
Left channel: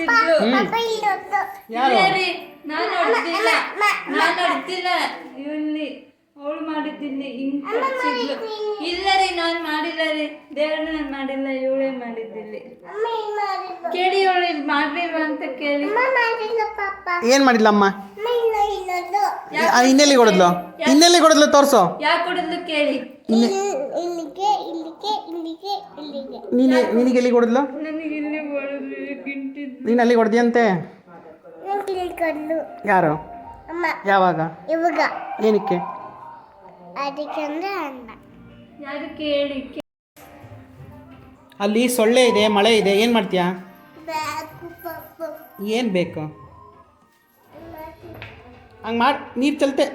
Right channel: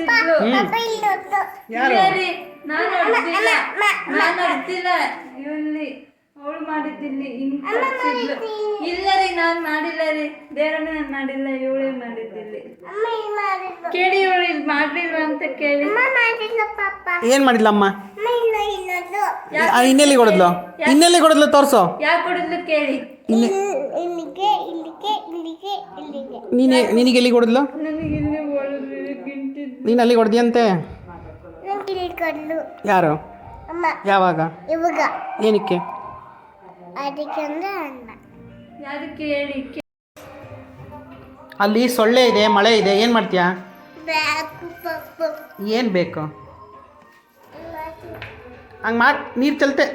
ಸಿಗ್ಲು ಪಾಪ ಇಲ್ಲೊಂದು ಯಾರು ಇಲ್ಲ ರೀ, ನಾನ್ ಹೊಡ್ದಿಲ್ಲ ಇಲ್ಲಿ ಅವಳು ಮಾಡಿದ್ದಿಲ್ಲಿ ಹಿಂಗ್ ಸಿಗ್ಲು. ಇಲ್ಲ ರೀ ನಾನ್ ಮಾಡಿಲ್ಲ ರೀ, ದೇವ್ರನ್ನ ನಾನ್ ಮಾಡಿಲ್ಲ, ಇವಳೇ ಮಾಡಿದ್ದಿಲ್ಲಿ. ಅಮ್ಮ ಇಲ್ಲಿ ಮಾಡಿದ್ದು ಕೇಳಿ ಇವಳು ಇಲ್ಲಿ ಮಾಡ್ಲಿಲ್ವಾ ಅಂತ ಕೇಳಿ. ಅಮ್ಮ ಮಾಡಿಲ್ಲ ಪಾಪ ಏನು ಮಾಡಿಲ್ಲ ಅಮ್ಮ? ಅಮ್ಮ ಇಲ್ಲ ಇಲ್ಲೊಂದು ಇನ್ನೆಲ್ಲಿ ಕೊಡದ್ಲು ತೋರಿಸು. ಯಾಕೆ ಕೊಡಿದ್ಲು ಕೇಳಿ. ಇಲ್ಲಿಗೆ ಇಲ್ಲಿಗೆ ಇಲ್ಲಿಗೆ ಇಲ್ಲಿಗೆ ನಿನಗೆ ಎಲ್ಲಿ ಕೊಡದ್ಲು? ನನಗೆ ಇಲ್ಲಿ ಹೊಡೆದ್ಲು ಗಿಂಟಿದ್ದು. ನೀನು ಅಲ್ಲಿ ಕೊಡ್ದಿಯಂತೆ? ಇಲ್ಲಿ ಕೊಡ್ಲು ಯಾರು? ಅಮ್ಮ ಯಾವಾಗ? ಇವಾಗ ಏನಕ್ಕೆ? ಅದಕ್ಕೆ ಅಂದ್ರೆ ಅಣ್ಣ ಯಾರಿಗೆ ಹೇಳಿ. ಅಲ್ಲಿ ಸೊಳ್ಳೆ ಇದೆ, ಮಳೆ ಇದೆ, ಏನು ಮಾಡ್ತೀಯಾ? ಬ್ಯಾಕು ಪಪ್ಪು ಏನು ಬೇಕು? ಹಂಗೆ ಮಾಡಿ ನೀರು ಚಲ್ತೆ.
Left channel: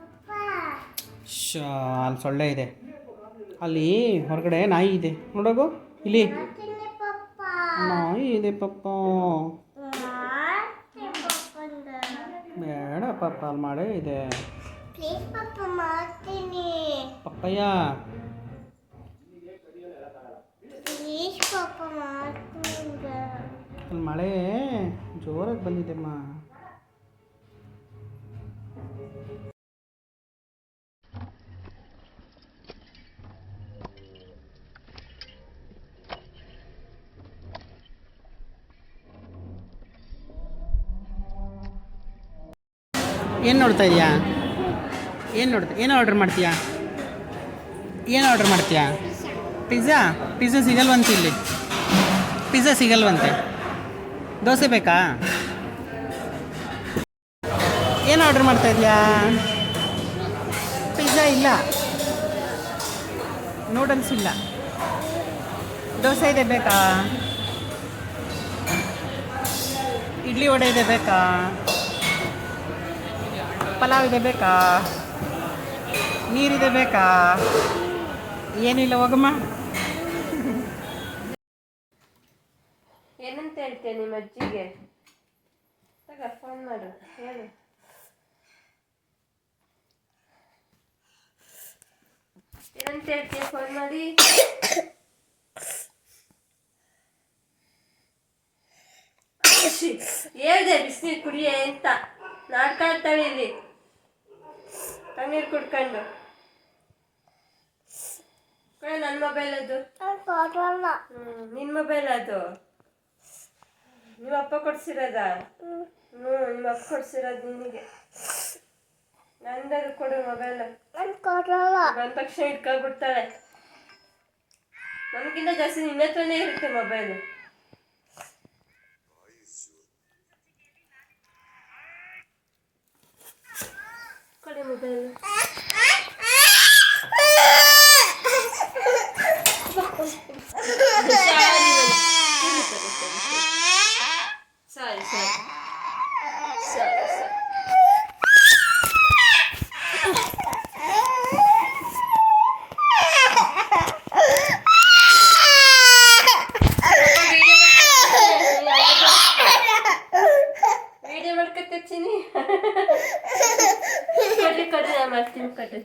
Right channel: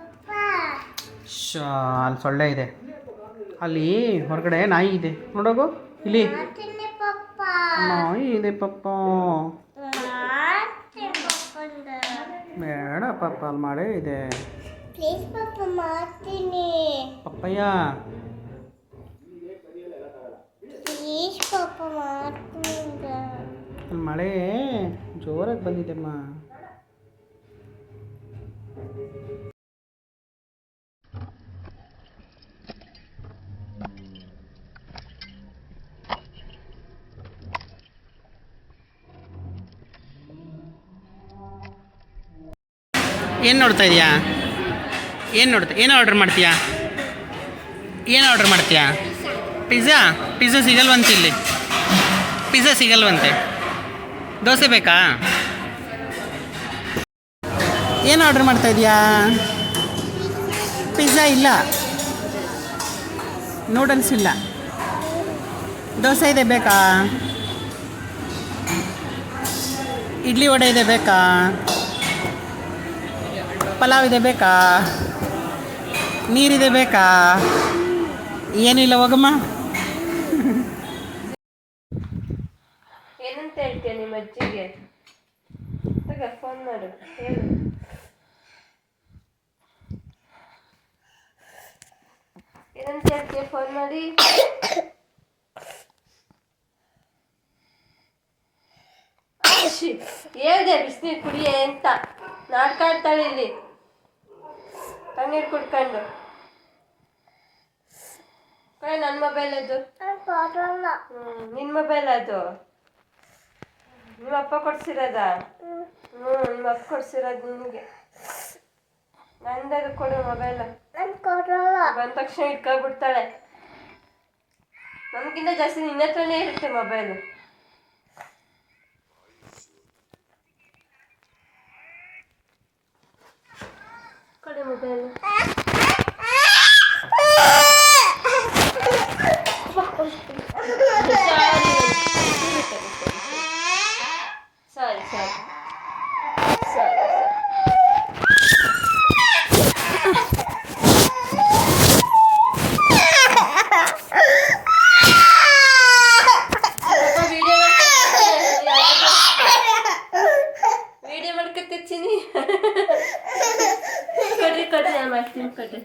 ಪಪ್ಪ ಅಲ್ಲಿ ಸೊಳ್ಳೆ ಇದೆ, ಅಲ್ಲಿ ಹೊರಗಡೆ ನಾಯಿ ಇದೆ ನೋಡೋಗು. ಇಲ್ಲಿ ಮಾಡ್ತೀನಿ ಪಪ್ಪ ನಾಯಿ ಇದೆ ಪಪ್ಪ. ಮಾಡ್ತೀನಿ ಪಪ್ಪಂದ ಬೇಡ ಪಪ್ಪ, ಅಲ್ಲಿ ಮಳೆ ಇದೆ. ಪ್ಲೀಸ್ ಪಪ್ಪ ಮಾಡ್ತೀನಿ ಪಪ್ಪಯ್ಯ ಪ್ಲೀಸ್ ಪಪ್ಪ ಮಾಡ್ತೀನಿ ಅಲ್ಲಿ ಮಳೆ ಜೋರಾಗಿ ಬಂದಿದೆಮ್ಮ. ಏನು ನೋಡ್ತಾ ಇದೀಯಾ? ಏನು ಆರ್ಡರ್ ಮಾಡ್ತೀಯಾ? ಪಿಜ್ಜಾ ಸಿಗಲ್ವಂತೆ ಇಲ್ಲಿ. ಪಿಜ್ಜಾ ಸಿಗಲ್ವಂತೆ. ದೋಸೆ ಬೇಕಾ? ಏನು ಆರ್ಡರ್ ಮಾಡ್ತಾ ಇದೀಯಾ? ಪಿಜ್ಜಾ ಇಲ್ಲ, ನೂಡಲ್ಸ್ ಇಲ್ಲ, ದೋಸೆ ಇದೆ ಬೇಕಾ? ಇಡ್ಲಿ ವಡೆ ಇದೆ ಬೇಕಾ? ಪಲಾವ್ ಇದೆ ಬೇಕಾ? ನೀರಿದೆ ಬೇಕಾ? ಏನಿಲ್ಲ, ಹೋಗಮ್ಮ. ಏನಂತ ಹೇಳ್ತೀಯ ನಿಮ್ಮ ಅಜ್ಜಿಗೆ? ಫೋನ್ ಮಾಡು, ಹೇಳು. ಏನಂತ ಹೇಳ್ತೀಯ ಫೋನ್ ಮಾಡಿ? ಹೇಳ್ದೆ ಬಿಸಿನೀರು ಕುಡಿಯೇ ಅಂತ. ನಾಟಕ ಆಡ್ತಾಳೆ ಇಲ್ಲಿ ತಣ್ಣೀರು ಕುಡ್ಕೊಂಡು. ನನ್ನ ಮೊಬೈಲ್ ಅದು. ನಿನ್ನ ಮೊಬೈಲ್ ಅದು? ನಿಮ್ಮ ಅಪ್ಪ ಕೊಡ್ಸಿರೋದ? ನಿಮ್ಮ ಅಪ್ಪ ಕೊಡ್ಸಿರೋದು ನಿನಗೆ. ನಂದಾಗ ಕೊಡು ಮೊಬೈಲ್. ಬಂದ ತಕ್ಷಣ ಇಟ್ಕೊಬಿಡ್ತಾಳೆ. ನಮಗಿಂತ ಜಾಸ್ತಿ ನಿನ್ನ ಹತ್ರನೇ ಇರುತ್ತೆ ಮೊಬೈಲು. ಕೊಡು ಮೊಬೈಲು. ಸರಿ ಸರಿ ಸರಿ ವಿಡಿಯೋ ಮಾಡ್ಕೊತೀನಿ. ಕಡ್ರಿ ನಾನು ಮಾಡ್ತೀನಿ. ಕಡ್ರಿ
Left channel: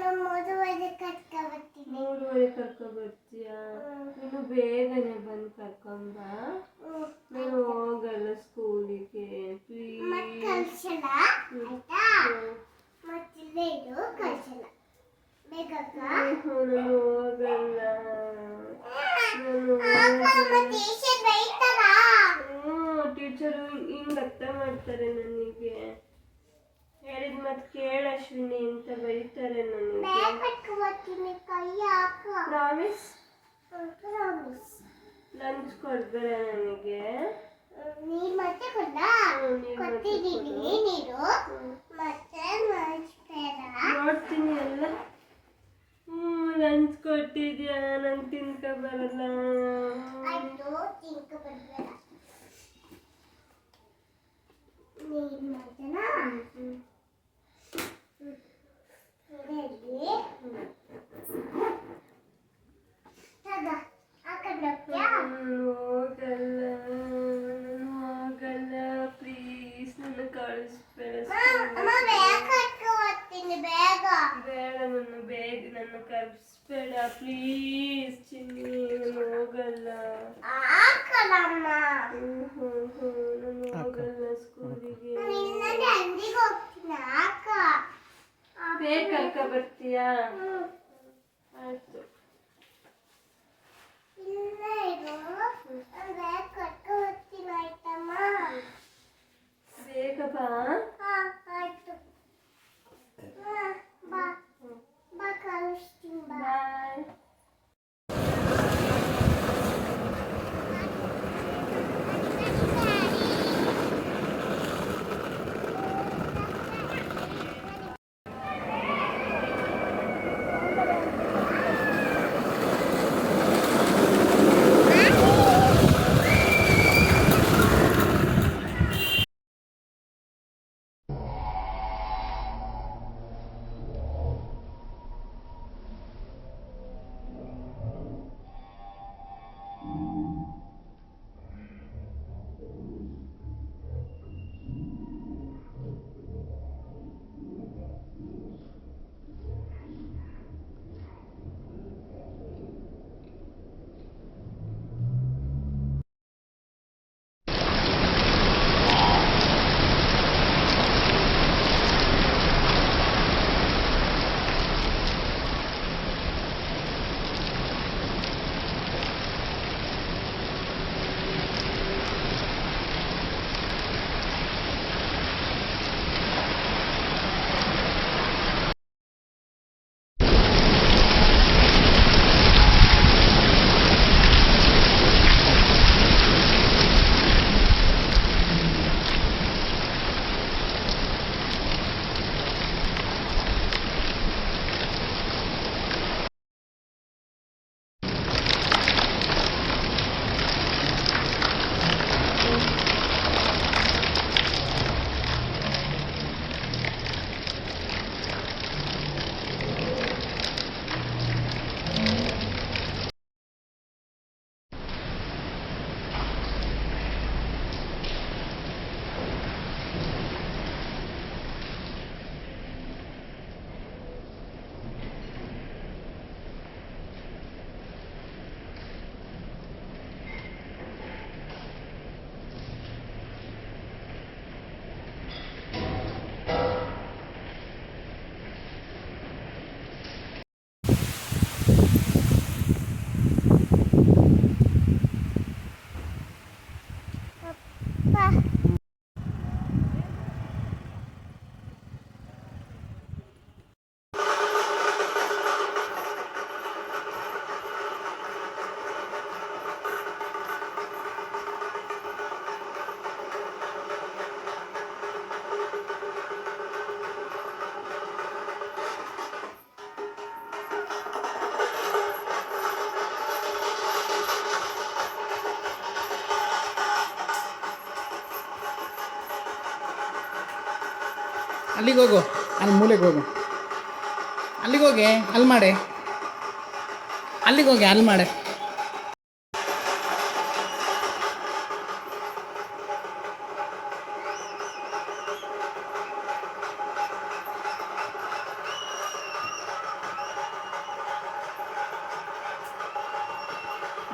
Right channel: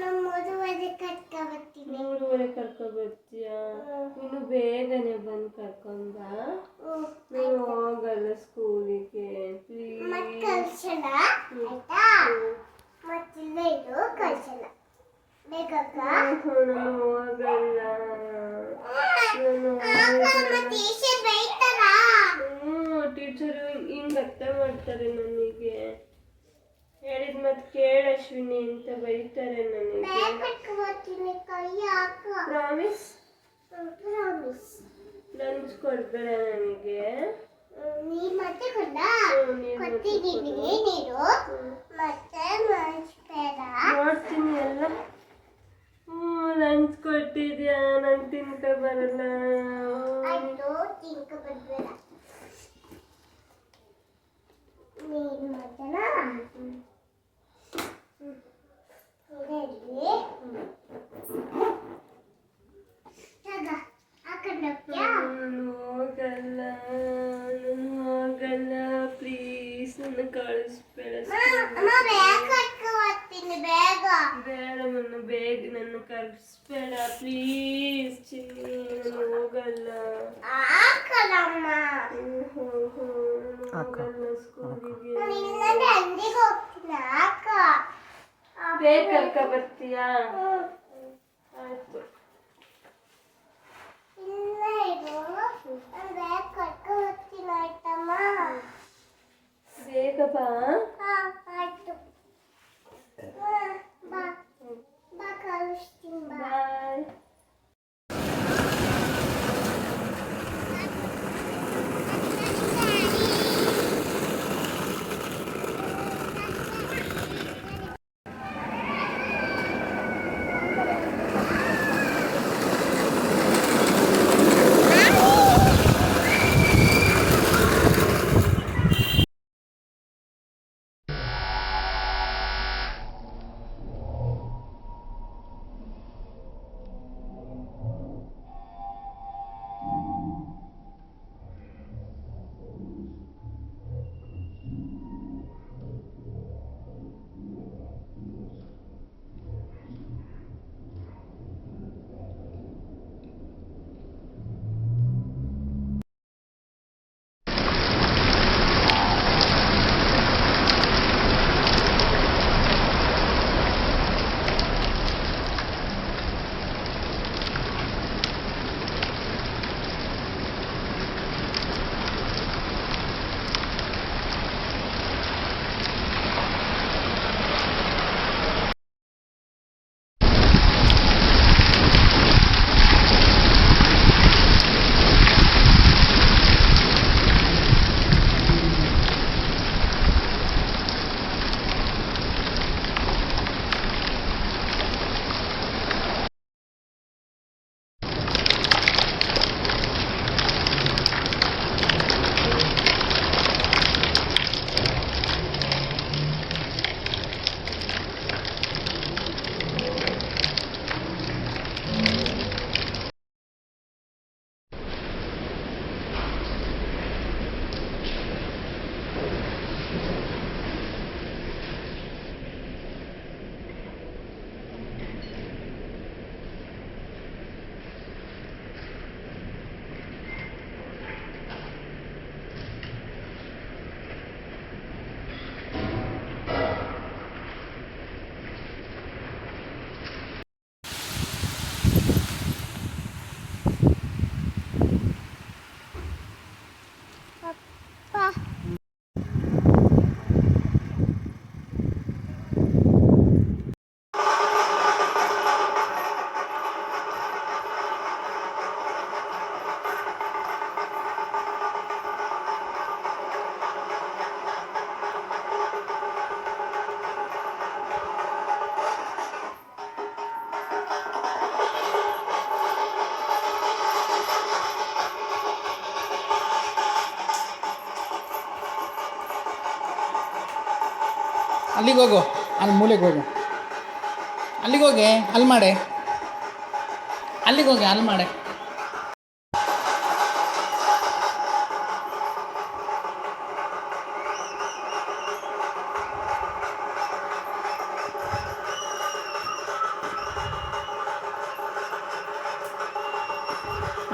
ನಾನು ಮದುವೆ ಕರ್ಕೊಬರ್ತೀನಿ. 3:30 ಕರ್ಕೊಬರ್ತೀಯಾ? ನೀನು ಬೇಗನೆ ಬಂದು ಕರ್ಕೊಂಡ. ನಾನು ಹೋಗಲ್ಲ ಸ್ಕೂಲಿಗೆ, ಪ್ಲೀಸ್. ಮತ್ತೆ ಕಳ್ಸಲ್ಲ ಆಯ್ತಾ? ಮತ್ತಿಲ್ಲ ಇದು ಕಳ್ಸಲ್ಲ ಬೇಕಕ್ಕ. ನಾನು ಹೋಗಲ್ಲ. ಟೀಚರು ಹಿಂಗೆ ಅರ್ಥ ಮಾಡ್ತಾರೆ ನನಗೆ. ಹೇಳಿದ ಮತ್ತೆ ಕೇಳ ಅಶ್ವಿನಿ ಅಂತ ಬೈತಾರೆ ನನಗೆ. ಪ್ರಾಮಿಸ್? ಲಂಚ್ ಕೊಡ್ಬೇಡ ನನಗೆ. ನೀರು ಮತ್ತೆ ಕೊಟ್ಟಿದ್ದೀನಿ. ನೀರು ಮತ್ತೆ ಬೇಡ ನೋಡ್ತೀನಿ ಎಲ್ಲ. ಲಂಚ್ ಕೊಟ್ಟಿದ್ದೀನಿ. ತಿಂತಿದ್ಯಾ ನಂಗೆ ತಿನ್ಕ ಬರಲ್ಲ ಆಯ್ತು ಚಿಂಕ ಬರ್ಬೇಡ ನೀನು ಮಜನಾ ಹೋಗಲ್ಲ ನಾನು ಹೋಗಲ್ಲ ಪ್ಲೀಸ್ ನನ್ನ ಕಳಿಸ್ಬೇಡ ಬೇಗ ಬೇಡ ನನ್ನ ಬೇಗ ನನ್ನ ಕಳಿಸ್ಬೇಡ ಪ್ಲೀಸ್ ಚಿನ್ನಿ ನಾನು ಹೋಗಲ್ಲ ಹಾಕಲಮ್ಮ ನಾನು ಹೋಗಲ್ಲ ಸ್ಕೂಲಿಗೆ ಇಲ್ಲದೆ ಅಂದಿಗೆ ಹೋಗ್ತೀನಿ ಹಾಕ ಬೇಕಕ್ಕ ಬರ್ತೀಯಾ ಆಯ್ತು ಇಲ್ಲ ಇರು ನಾನು ಬೇಗ ಕರ್ಕೊಂಡು ಹೋಗ್ತೀನಿ ಆಯ್ತಮ್ಮ ಬೇಗ ಬಾ ಆಯ್ತು ಬಾ ಬಾ ಕಳಿಸ್ತೀನಿ ಬಾ ಬಾಯ್ ಅಲ್ಲಿಗೆ ಹೋಗು, ಅಲ್ಲಿ ಮೂಲೆಗೆ ಹೋಗು, ಅಲ್ಲಿಗೆ ಹೋಗಿ ಅಲ್ಲಿ ಮಾಡೆ, ಅಲ್ಲಿಗೆ ಹೋಗಿ ಅಲ್ಲಿ ಮಾಡೆ.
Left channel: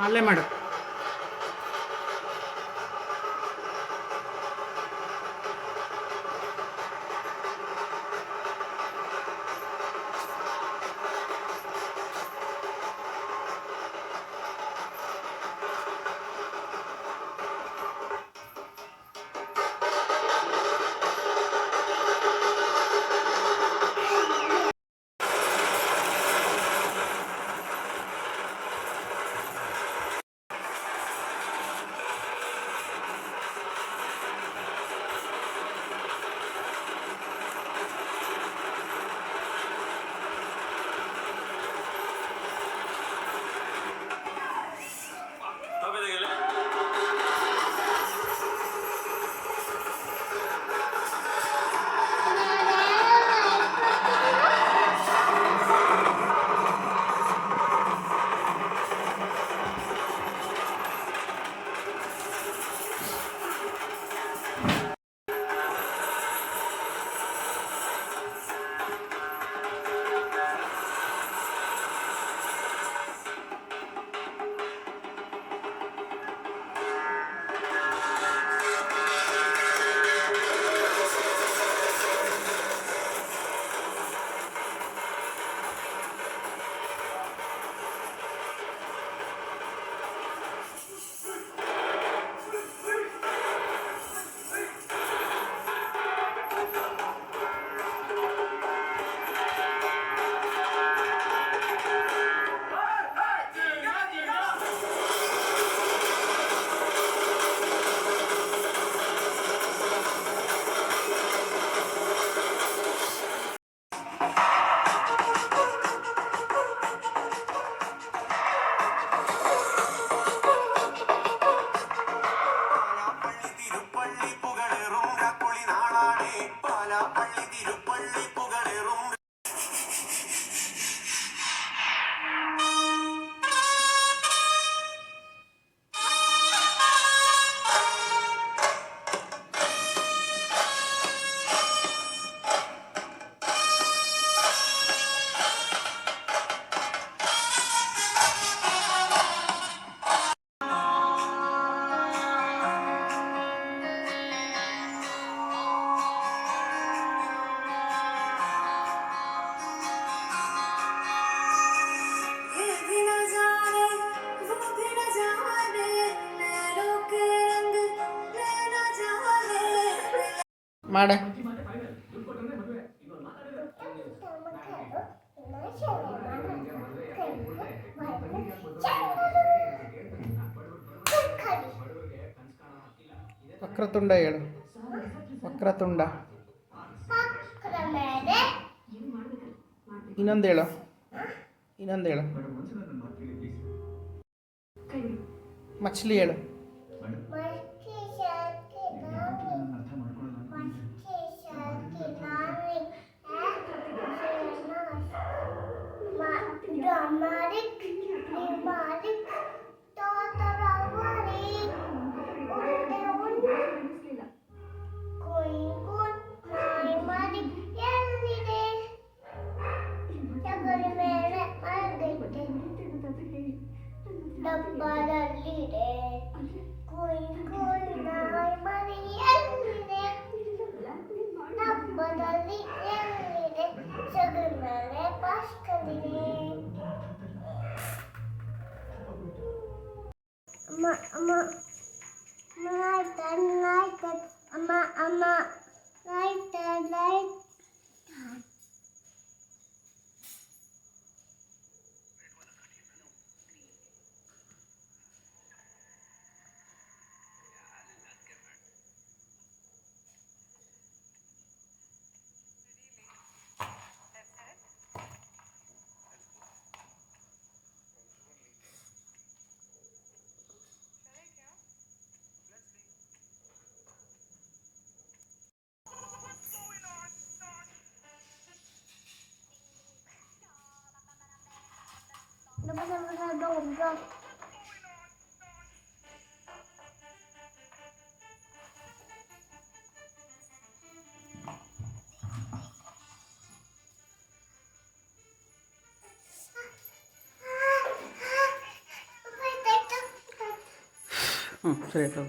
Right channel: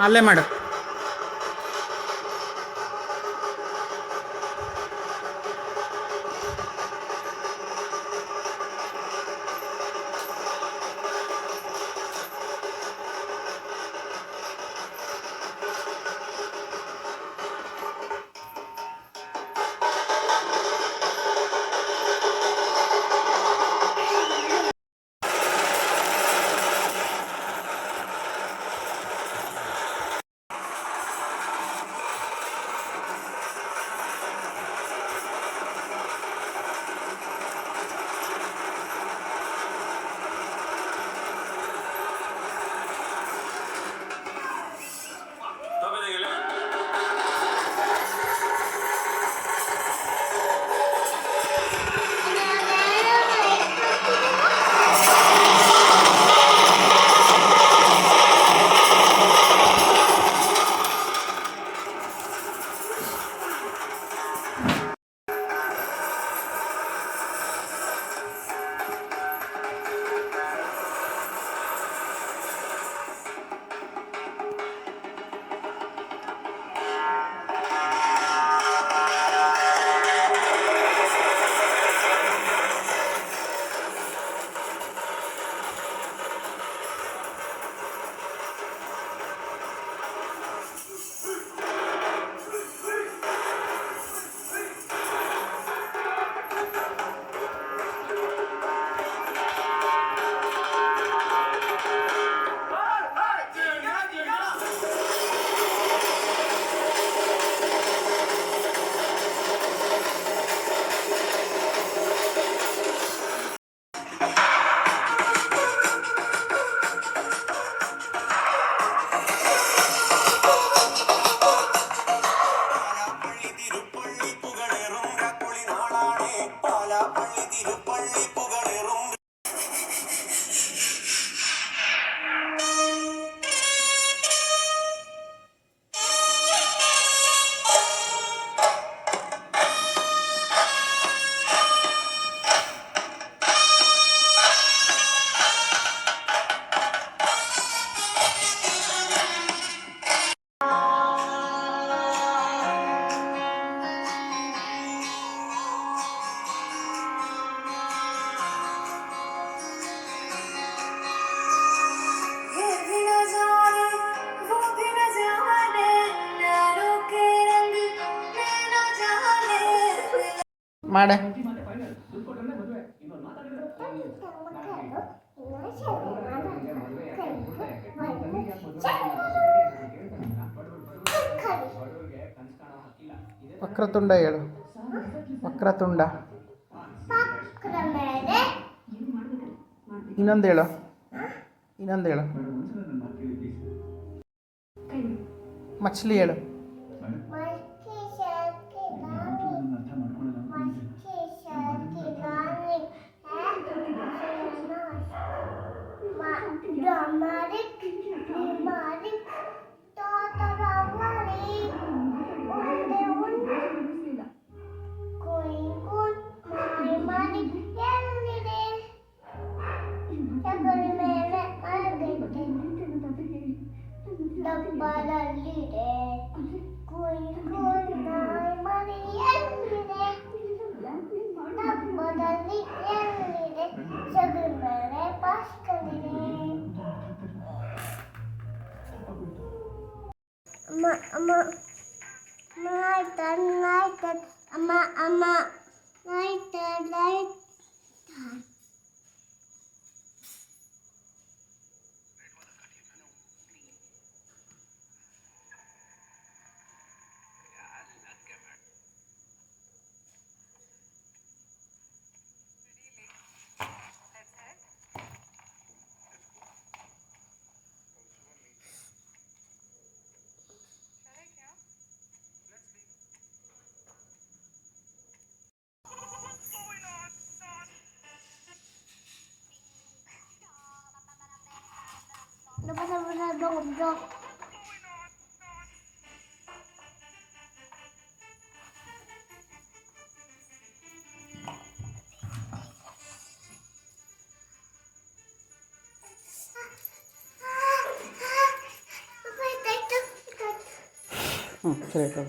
ಅಲ್ಲೇ ಮಾಡು. ಮಾಡೆ ವಕ್ರತುಂಡ ಹೇಳು. ವಕ್ರತುಂಡ. ಇನ್ನೊಂದು ಹೇಳು. ಮಚ್ಲಿ ಹೇಳು. ಡಬ್ಬದಲ್ಲಿದೆ ಕುಯ್ ಕುಯ್ ನಾಯಿ ಮರಿ ಎಲ್ಲಿದೆ ಡಬ್ಬದಲ್ಲಿ ಎಲ್ಲಿದೆ ಸಗಣೆ ಪಾಸ್ಕಲಿದೆ ಅಮ್ಮ ಅಮ್ಮ ಲೈಟ್ ಅಮ್ಮ ಅಮ್ಮ ಲೈಟ್ Dom. ಸರಿ ಆಯ್ತು.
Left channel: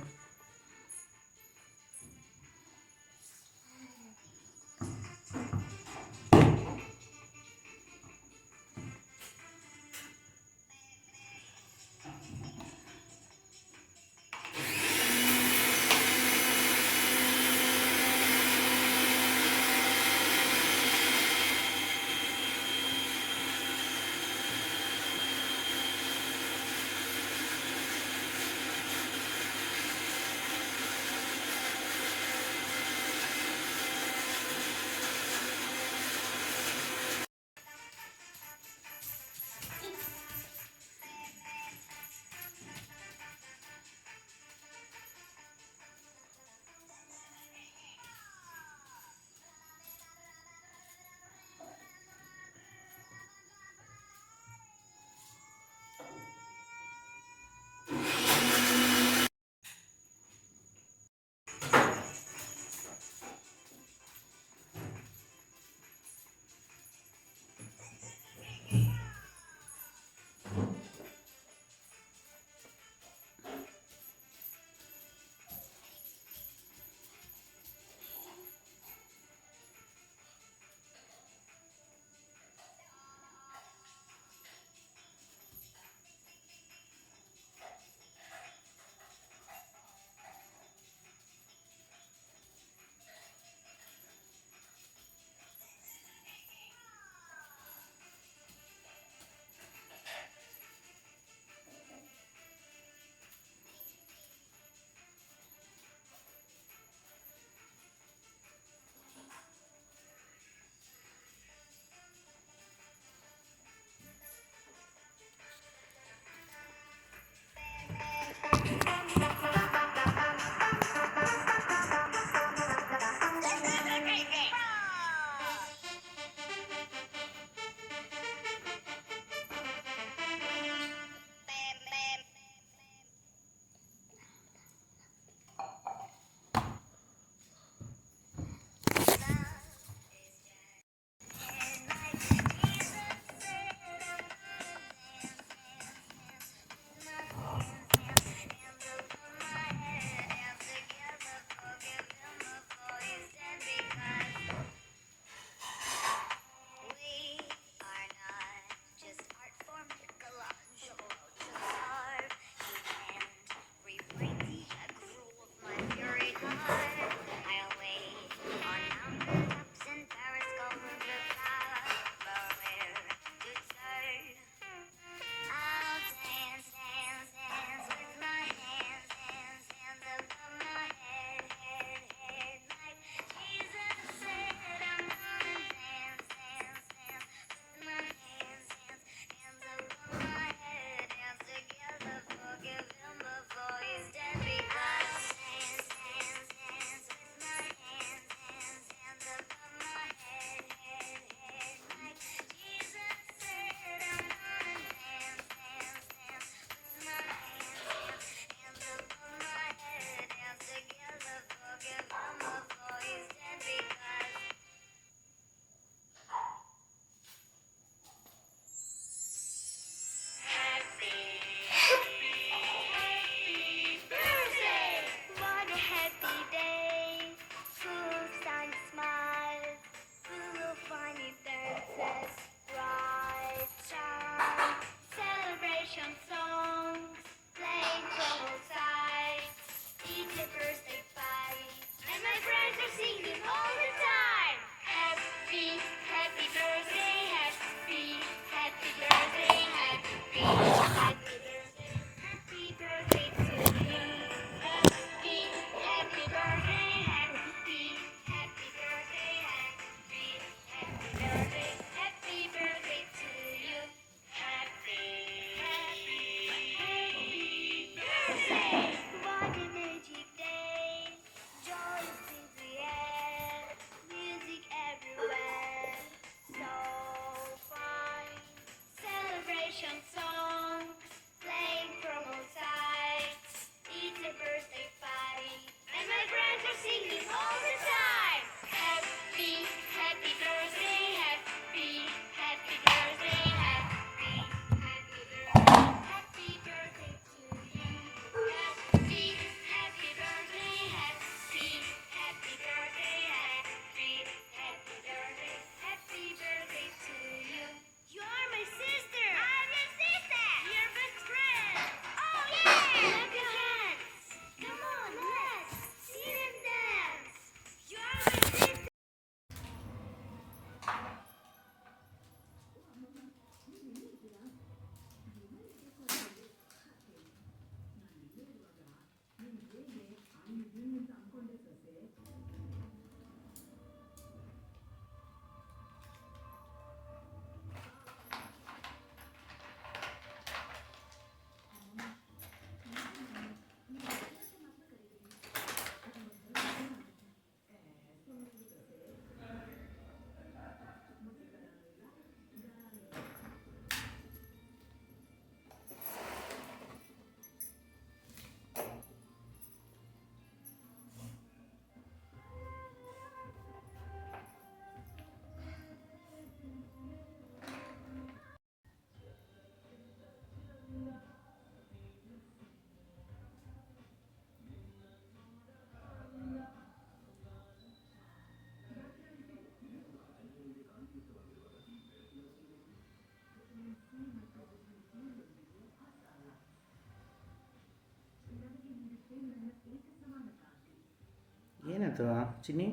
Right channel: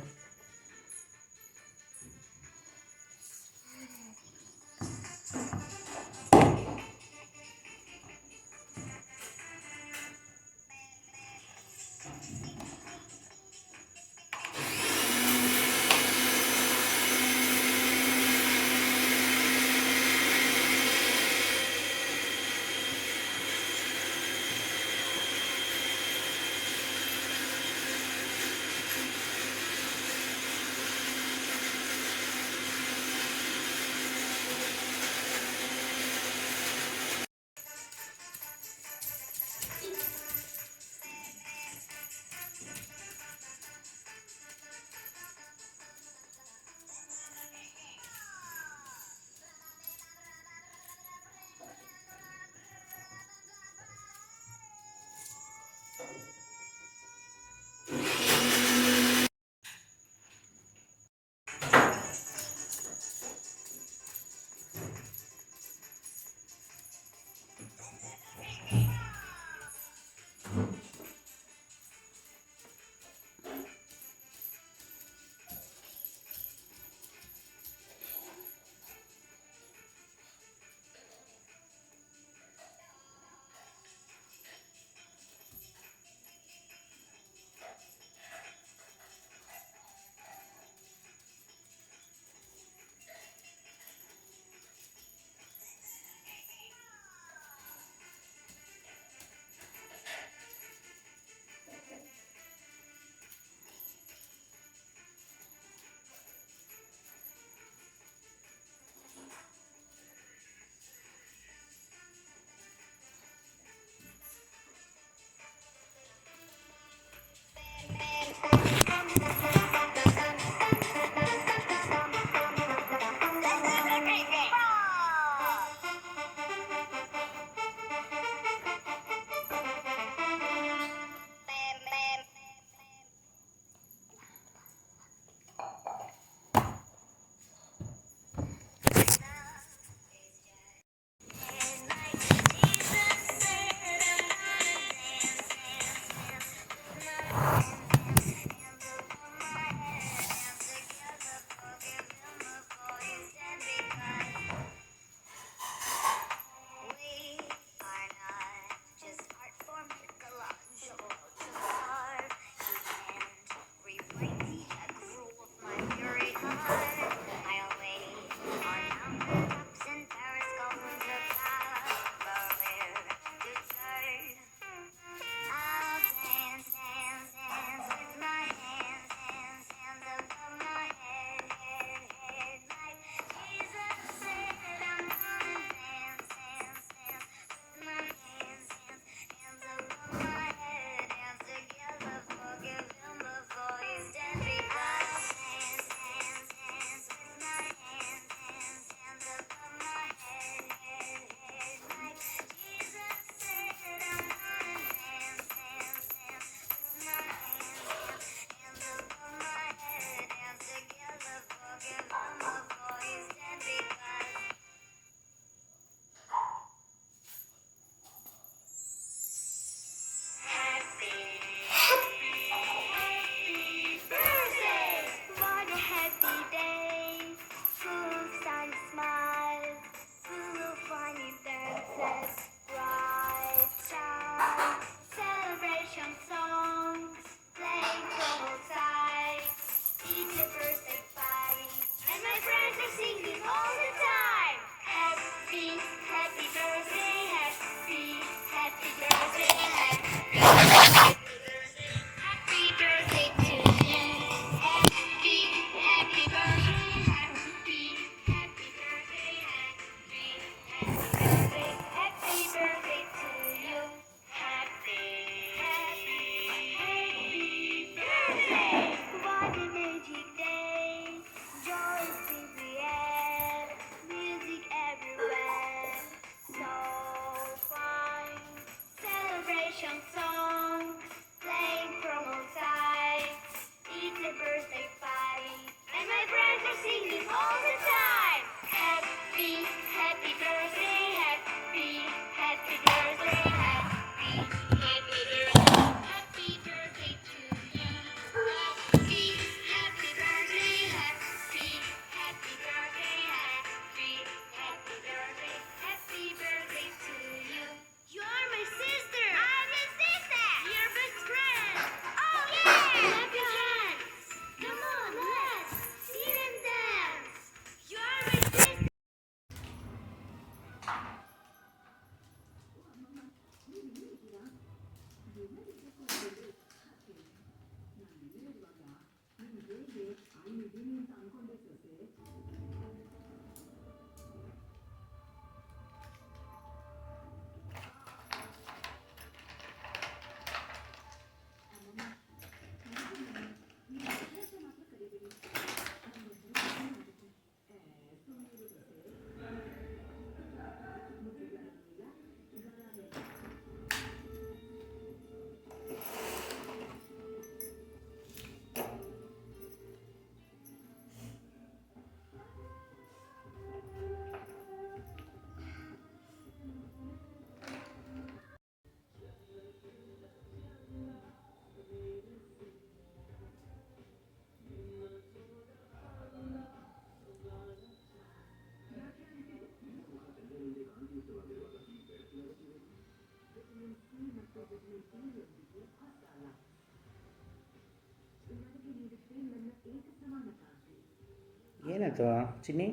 ಏನದು ಚಿನ್ನಿ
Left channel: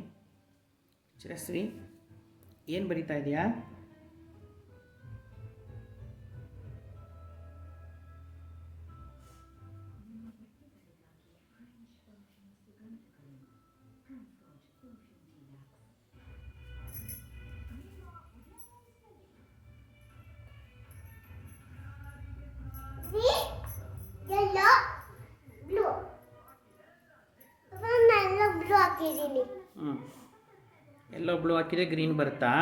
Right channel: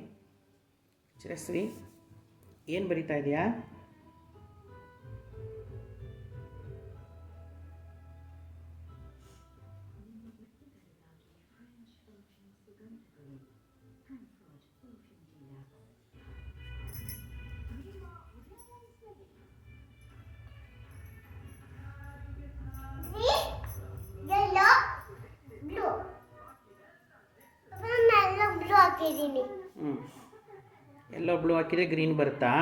ಚಿರಶ್ರೀ ಏನು ಬರಿತಾ ಇದೆಯಾ? yellow, blue. ನಾನು ಬ್ಲೂ ಹಾಕಿದ್ದೀನಿ. ಎಲ್ಲೋ ಬ್ಲೂ ಹಾಕಿದ್ರೆ ಗ್ರೀನ್ ಬರುತ್ತಾ?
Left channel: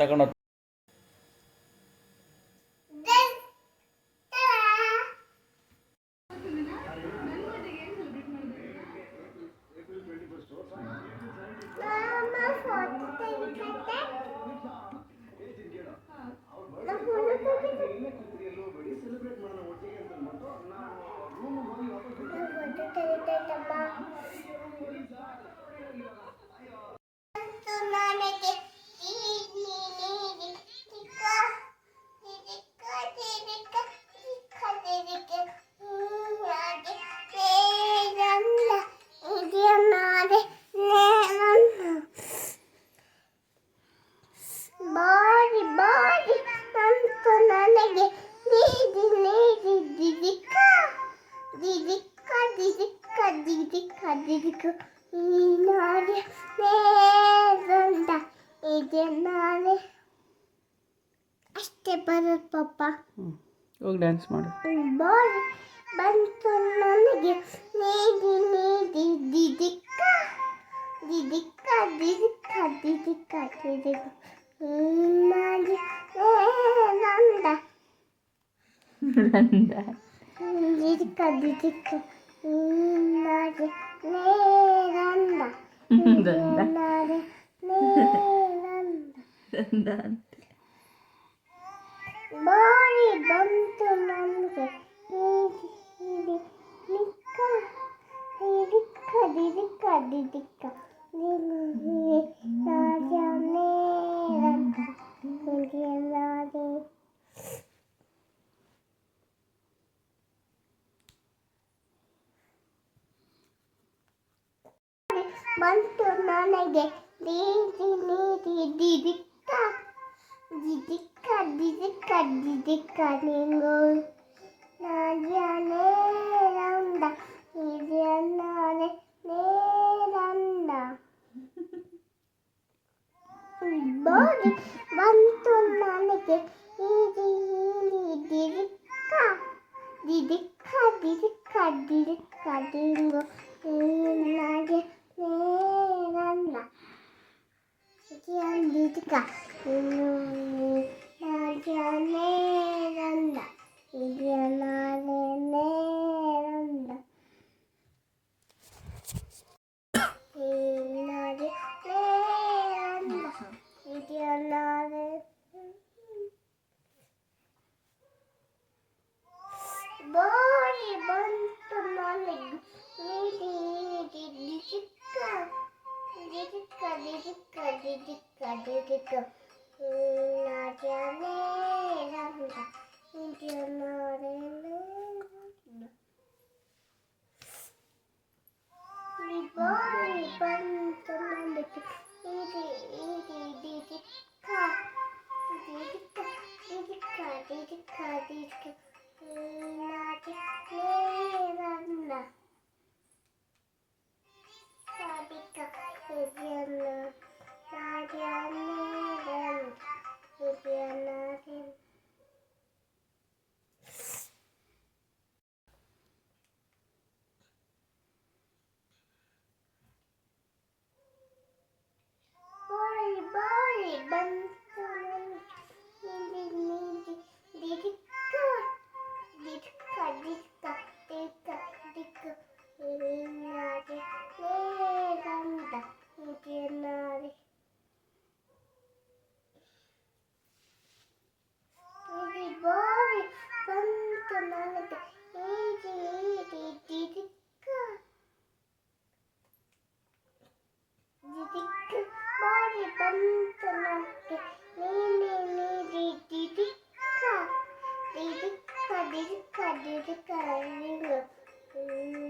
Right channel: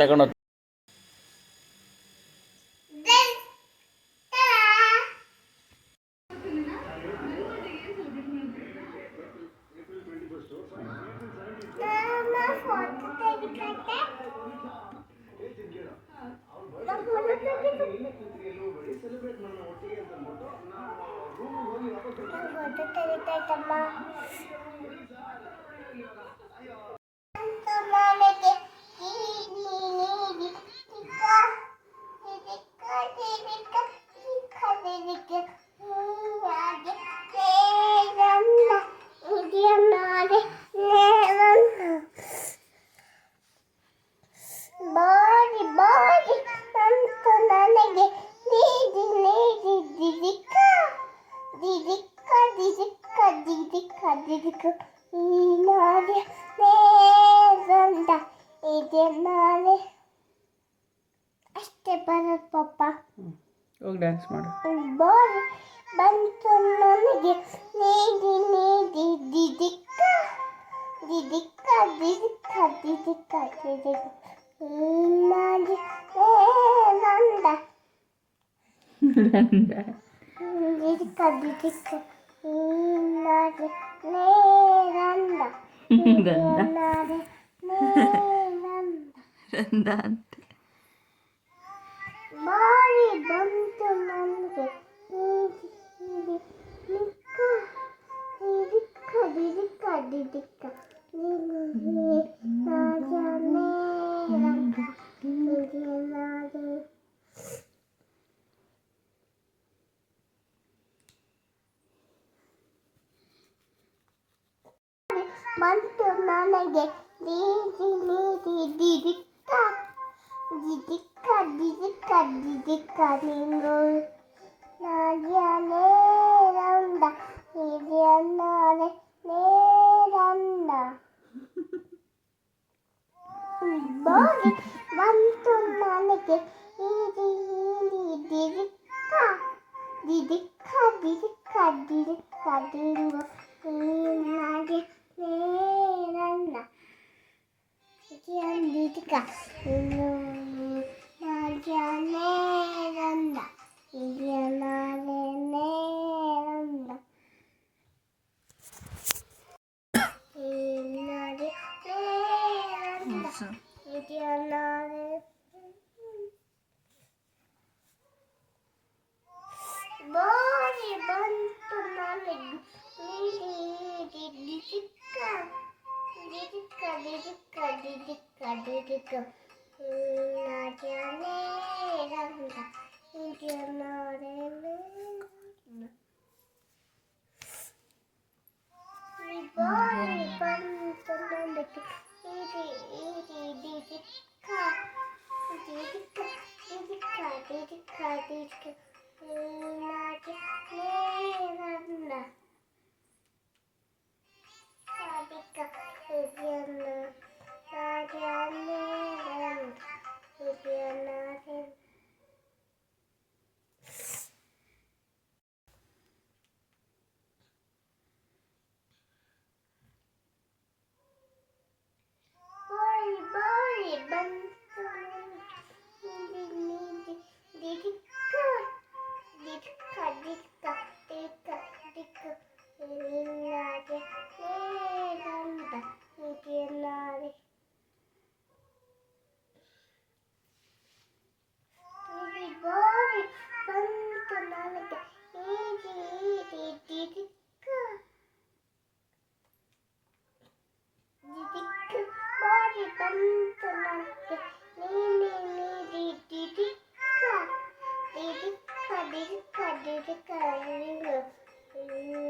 ತಗೊಂಡು ಬಾರಿ ಬಾರಿ ಬಂತು ನನಗೆ ನೀಡಿ ನೀಡಿ ದಿದಿಕ್ಕ ದಿದಿಕ್ಕ ದಿದಿಕ್ಕ ದಿದಿಕ್ಕ ದಿದಿಕ್ಕ ಈ ನಾಳೆ ನೇರಂದ ಇದೆ ನಾಳೆ ಅಷ್ಟೇ ಬರೋದು ಪಪ್ಪ. ಹೋಗಿ ಡ್ಯಾನ್ಸ್ ಮಾಡು. ಬಾರಿ ಬಂತು ನನಗೆ ನೀಡಿ ನೀಡಿ ದಿದಿಕ್ಕ ದಿದಿಕ್ಕ ದಿದಿಕ್ಕ ದಿದಿಕ್ಕ ದಿದಿಕ್ಕ ನಾಳೆ ನೇರಂದ ದಿದಿಕ್ಕ ದಿದಿಕ್ಕ ನಾಳೆ ನೇರಂದ ನಾಳೆ ನೇರಂದ ಬಾರಿ ಬಂತು ನಮಗೆ ನೀಡಿ ನಿಕ್ಕ ದಿದಿಕ್ಕ ದಿದಿಕ್ಕ ದಿದಿಕ್ಕ ನಾಳೆ ನೇರಂದ ನಾಳೆ ಬಂತು ನನಗೆ ನೀಡಿ ನೀಡಿ ದಿದಿಕ್ಕ ದಿದಿಕ್ಕ ದಿದಿಕ್ಕ ದಿದಿಕ್ಕ ನಿಂಗು ನಾಳೆ ನೇರಂದ ಇದೆ ನಾಳೆ ನೇರಂದ ಬಾರಿ ಬಂತು ನನಗೆ ನೀಡಿ ನೀಡಿ ದಿದಿಕ್ಕ ದಿದಿಕ್ಕ ದಿದಿಕ್ಕ ದಿದಿಕ್ಕ ನಿಂಗು ನಾಳೆ ನೇರಂದ ದಿದಿಕ್ಕ ನಾಳೆ ನೇರಂದ ಇದೆ ನಾಳೆ ನೇರಂದ ನಾಳೆ ನೇರಂದ ಇದೆ ನಾಳೆ ಬಾರಿ ಬಂತು ನನಗೆ ನೀಡಿ ನೀಡಿ ದಿದಿಕ್ಕ ದಿದಿಕ್ಕ ದಿದಿಕ್ಕ ದಿದಿಕ್ಕ ದಿದಿಕ್ಕ ನಾಳೆ ನೇರಂದ ಇದೆ ನಾಳೆ ನೇರಂದ ಬಾರಿ ಬಂತು ನನಗೆ ನೀಡಿ ನೀಡಿ ದಿದಿಕ್ಕ ದಿದಿಕ್ಕ ದಿದಿಕ್ಕ ದಿದಿಕ್ಕ ದಿದಿಕ್ಕ ನಾಳೆ ನೇರಂದ ದಿದಿಕ್ಕ ಇದೆ ನಾಳೆ ನೇರಂದ ಇದೆ ನಾಳೆ ಬಾರಿ ಬಾರಿ ಬಂತು ನೀಡಿ ನೀಡಿ ದಿದಿಕ್ಕ ದಿದಿಕ್ಕ ದಿಕ್ಕ ದಿಕ್ಕ ದಿಕ್ಕ ನಾಳೆ ನೇರಂದ ಇದೆ ನಾಳೆ ಬಾರಿ ಬಂತು ನನಗೆ ನೀಡಿ ನೀಡಿ ದಿದಿಕ್ಕ ದಿದಿಕ್ಕ ಬಾರಿ ಬಂತು ನನಗೆ ನೀಡಿ ನೀಡಿ ದಿದಿಕ್ಕ ದಿದಿಕ್ಕ ದಿದಿಕ್ಕ ದಿದಿಕ್ಕ ನಿಂಗು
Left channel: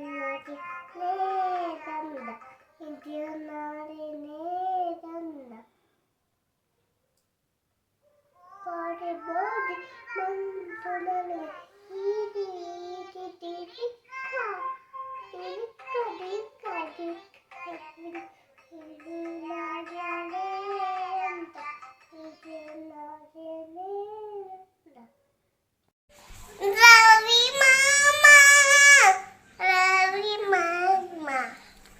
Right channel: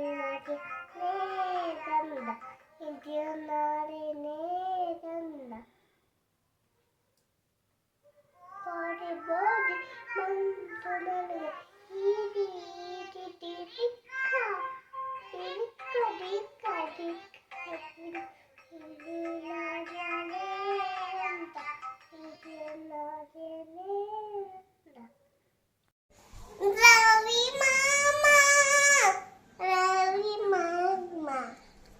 ನಾಳೆ ನೇರಂದ ಇದೆ ನಾಳೆ ನೇರಂದ ಬಾರಿ ಬಾರಿ ಬಂತು ನನಗೆ ನೀಡಿ ನೀಡಿ ದಿದಿಕ್ಕ ದಿದಿಕ್ಕ ದಿಕ್ಕ ದಿಕ್ಕ ಇದು ನಾಳೆ ನೇರಂದ ಇದೆ ನಾಳೆ ನೇರಂದ ರವಿ ಮಾಮ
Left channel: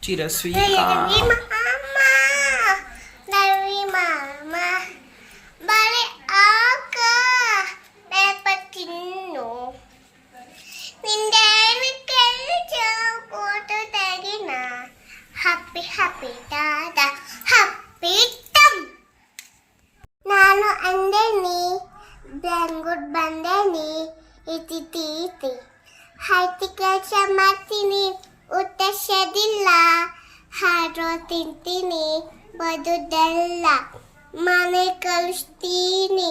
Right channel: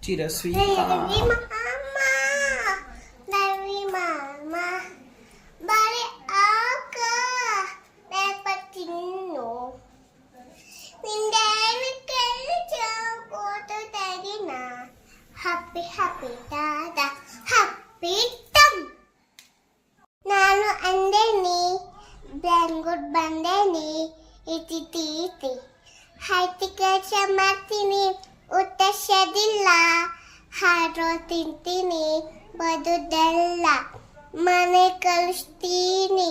ಚಿರಸ್ವಿ ರವಿ ಮಾಮ ರವಿ ಮಾಮ ಬೆಂಗಳೂರು ಬಂದೇನಿ ಇತಿ ಹೈತಿ ಕೆಲಸ ಮಾಡ್ತೀನಿ ಉತ್ತರಿಸೋದಿಲ್ಲ ಹಾರೋ ತಿಂತೀನಿ ಬದುದೆಲ್ಲ ಮನೆ ಕಳಿಸ್ತೀನಿ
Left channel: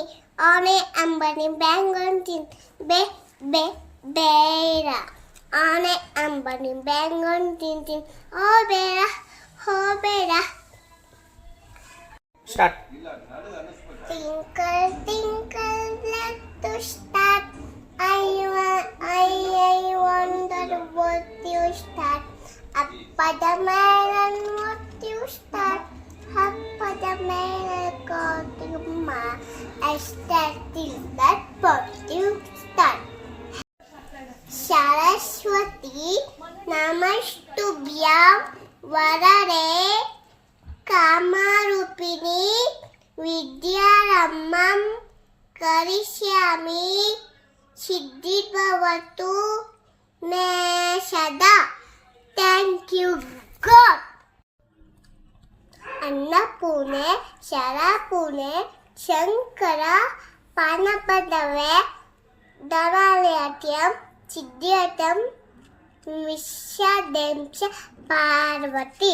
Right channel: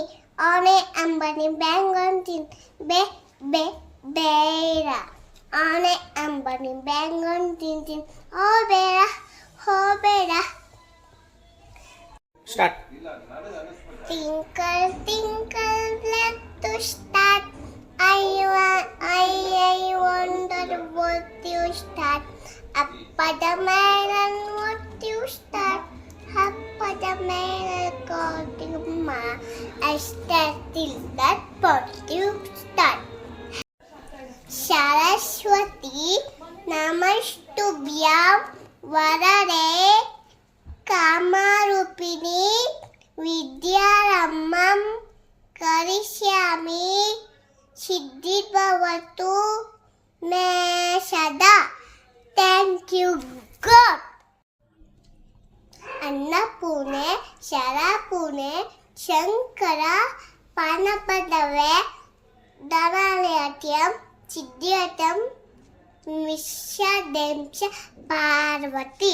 ಅವನೇ ಅಂಬನಿ ಬೆಂಗಳೂರು ತಿಂತೀನಿ ಬೇಡ ಅವನೇ ಅಂಬನಿ ಬೆಂಗಳೂರು ತಿಂತೀನಿ ಹೋಬೇಡ start. Twinkle, twinkle, little star, I wonder what you start. Up the melon, what you start. Up the melon, going ma. I started that what you start. Saraswati, Namastubhyam, Varade, Kamarupini, विद्यारम्भं करिष्यामि सिद्धिर्भवतु मे सदा. Thank you God. Annapurne शरापूर्णे Shankar पानपदवे धनालयत्यं सिद्ध्यर्थं विश्वदेश Parvati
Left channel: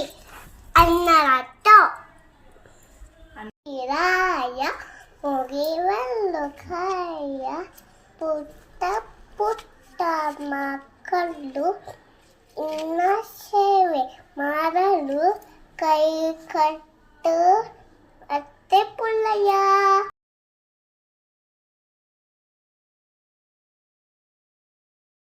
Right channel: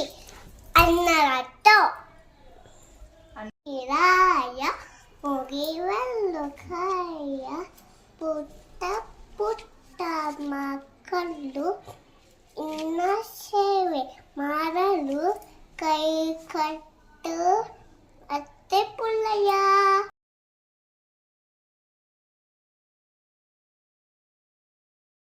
अन्नरतो Iraya, Mugivalokaya, Putta Makalu, Inaseve, Maralu, Kai Kattu, Attepulaya.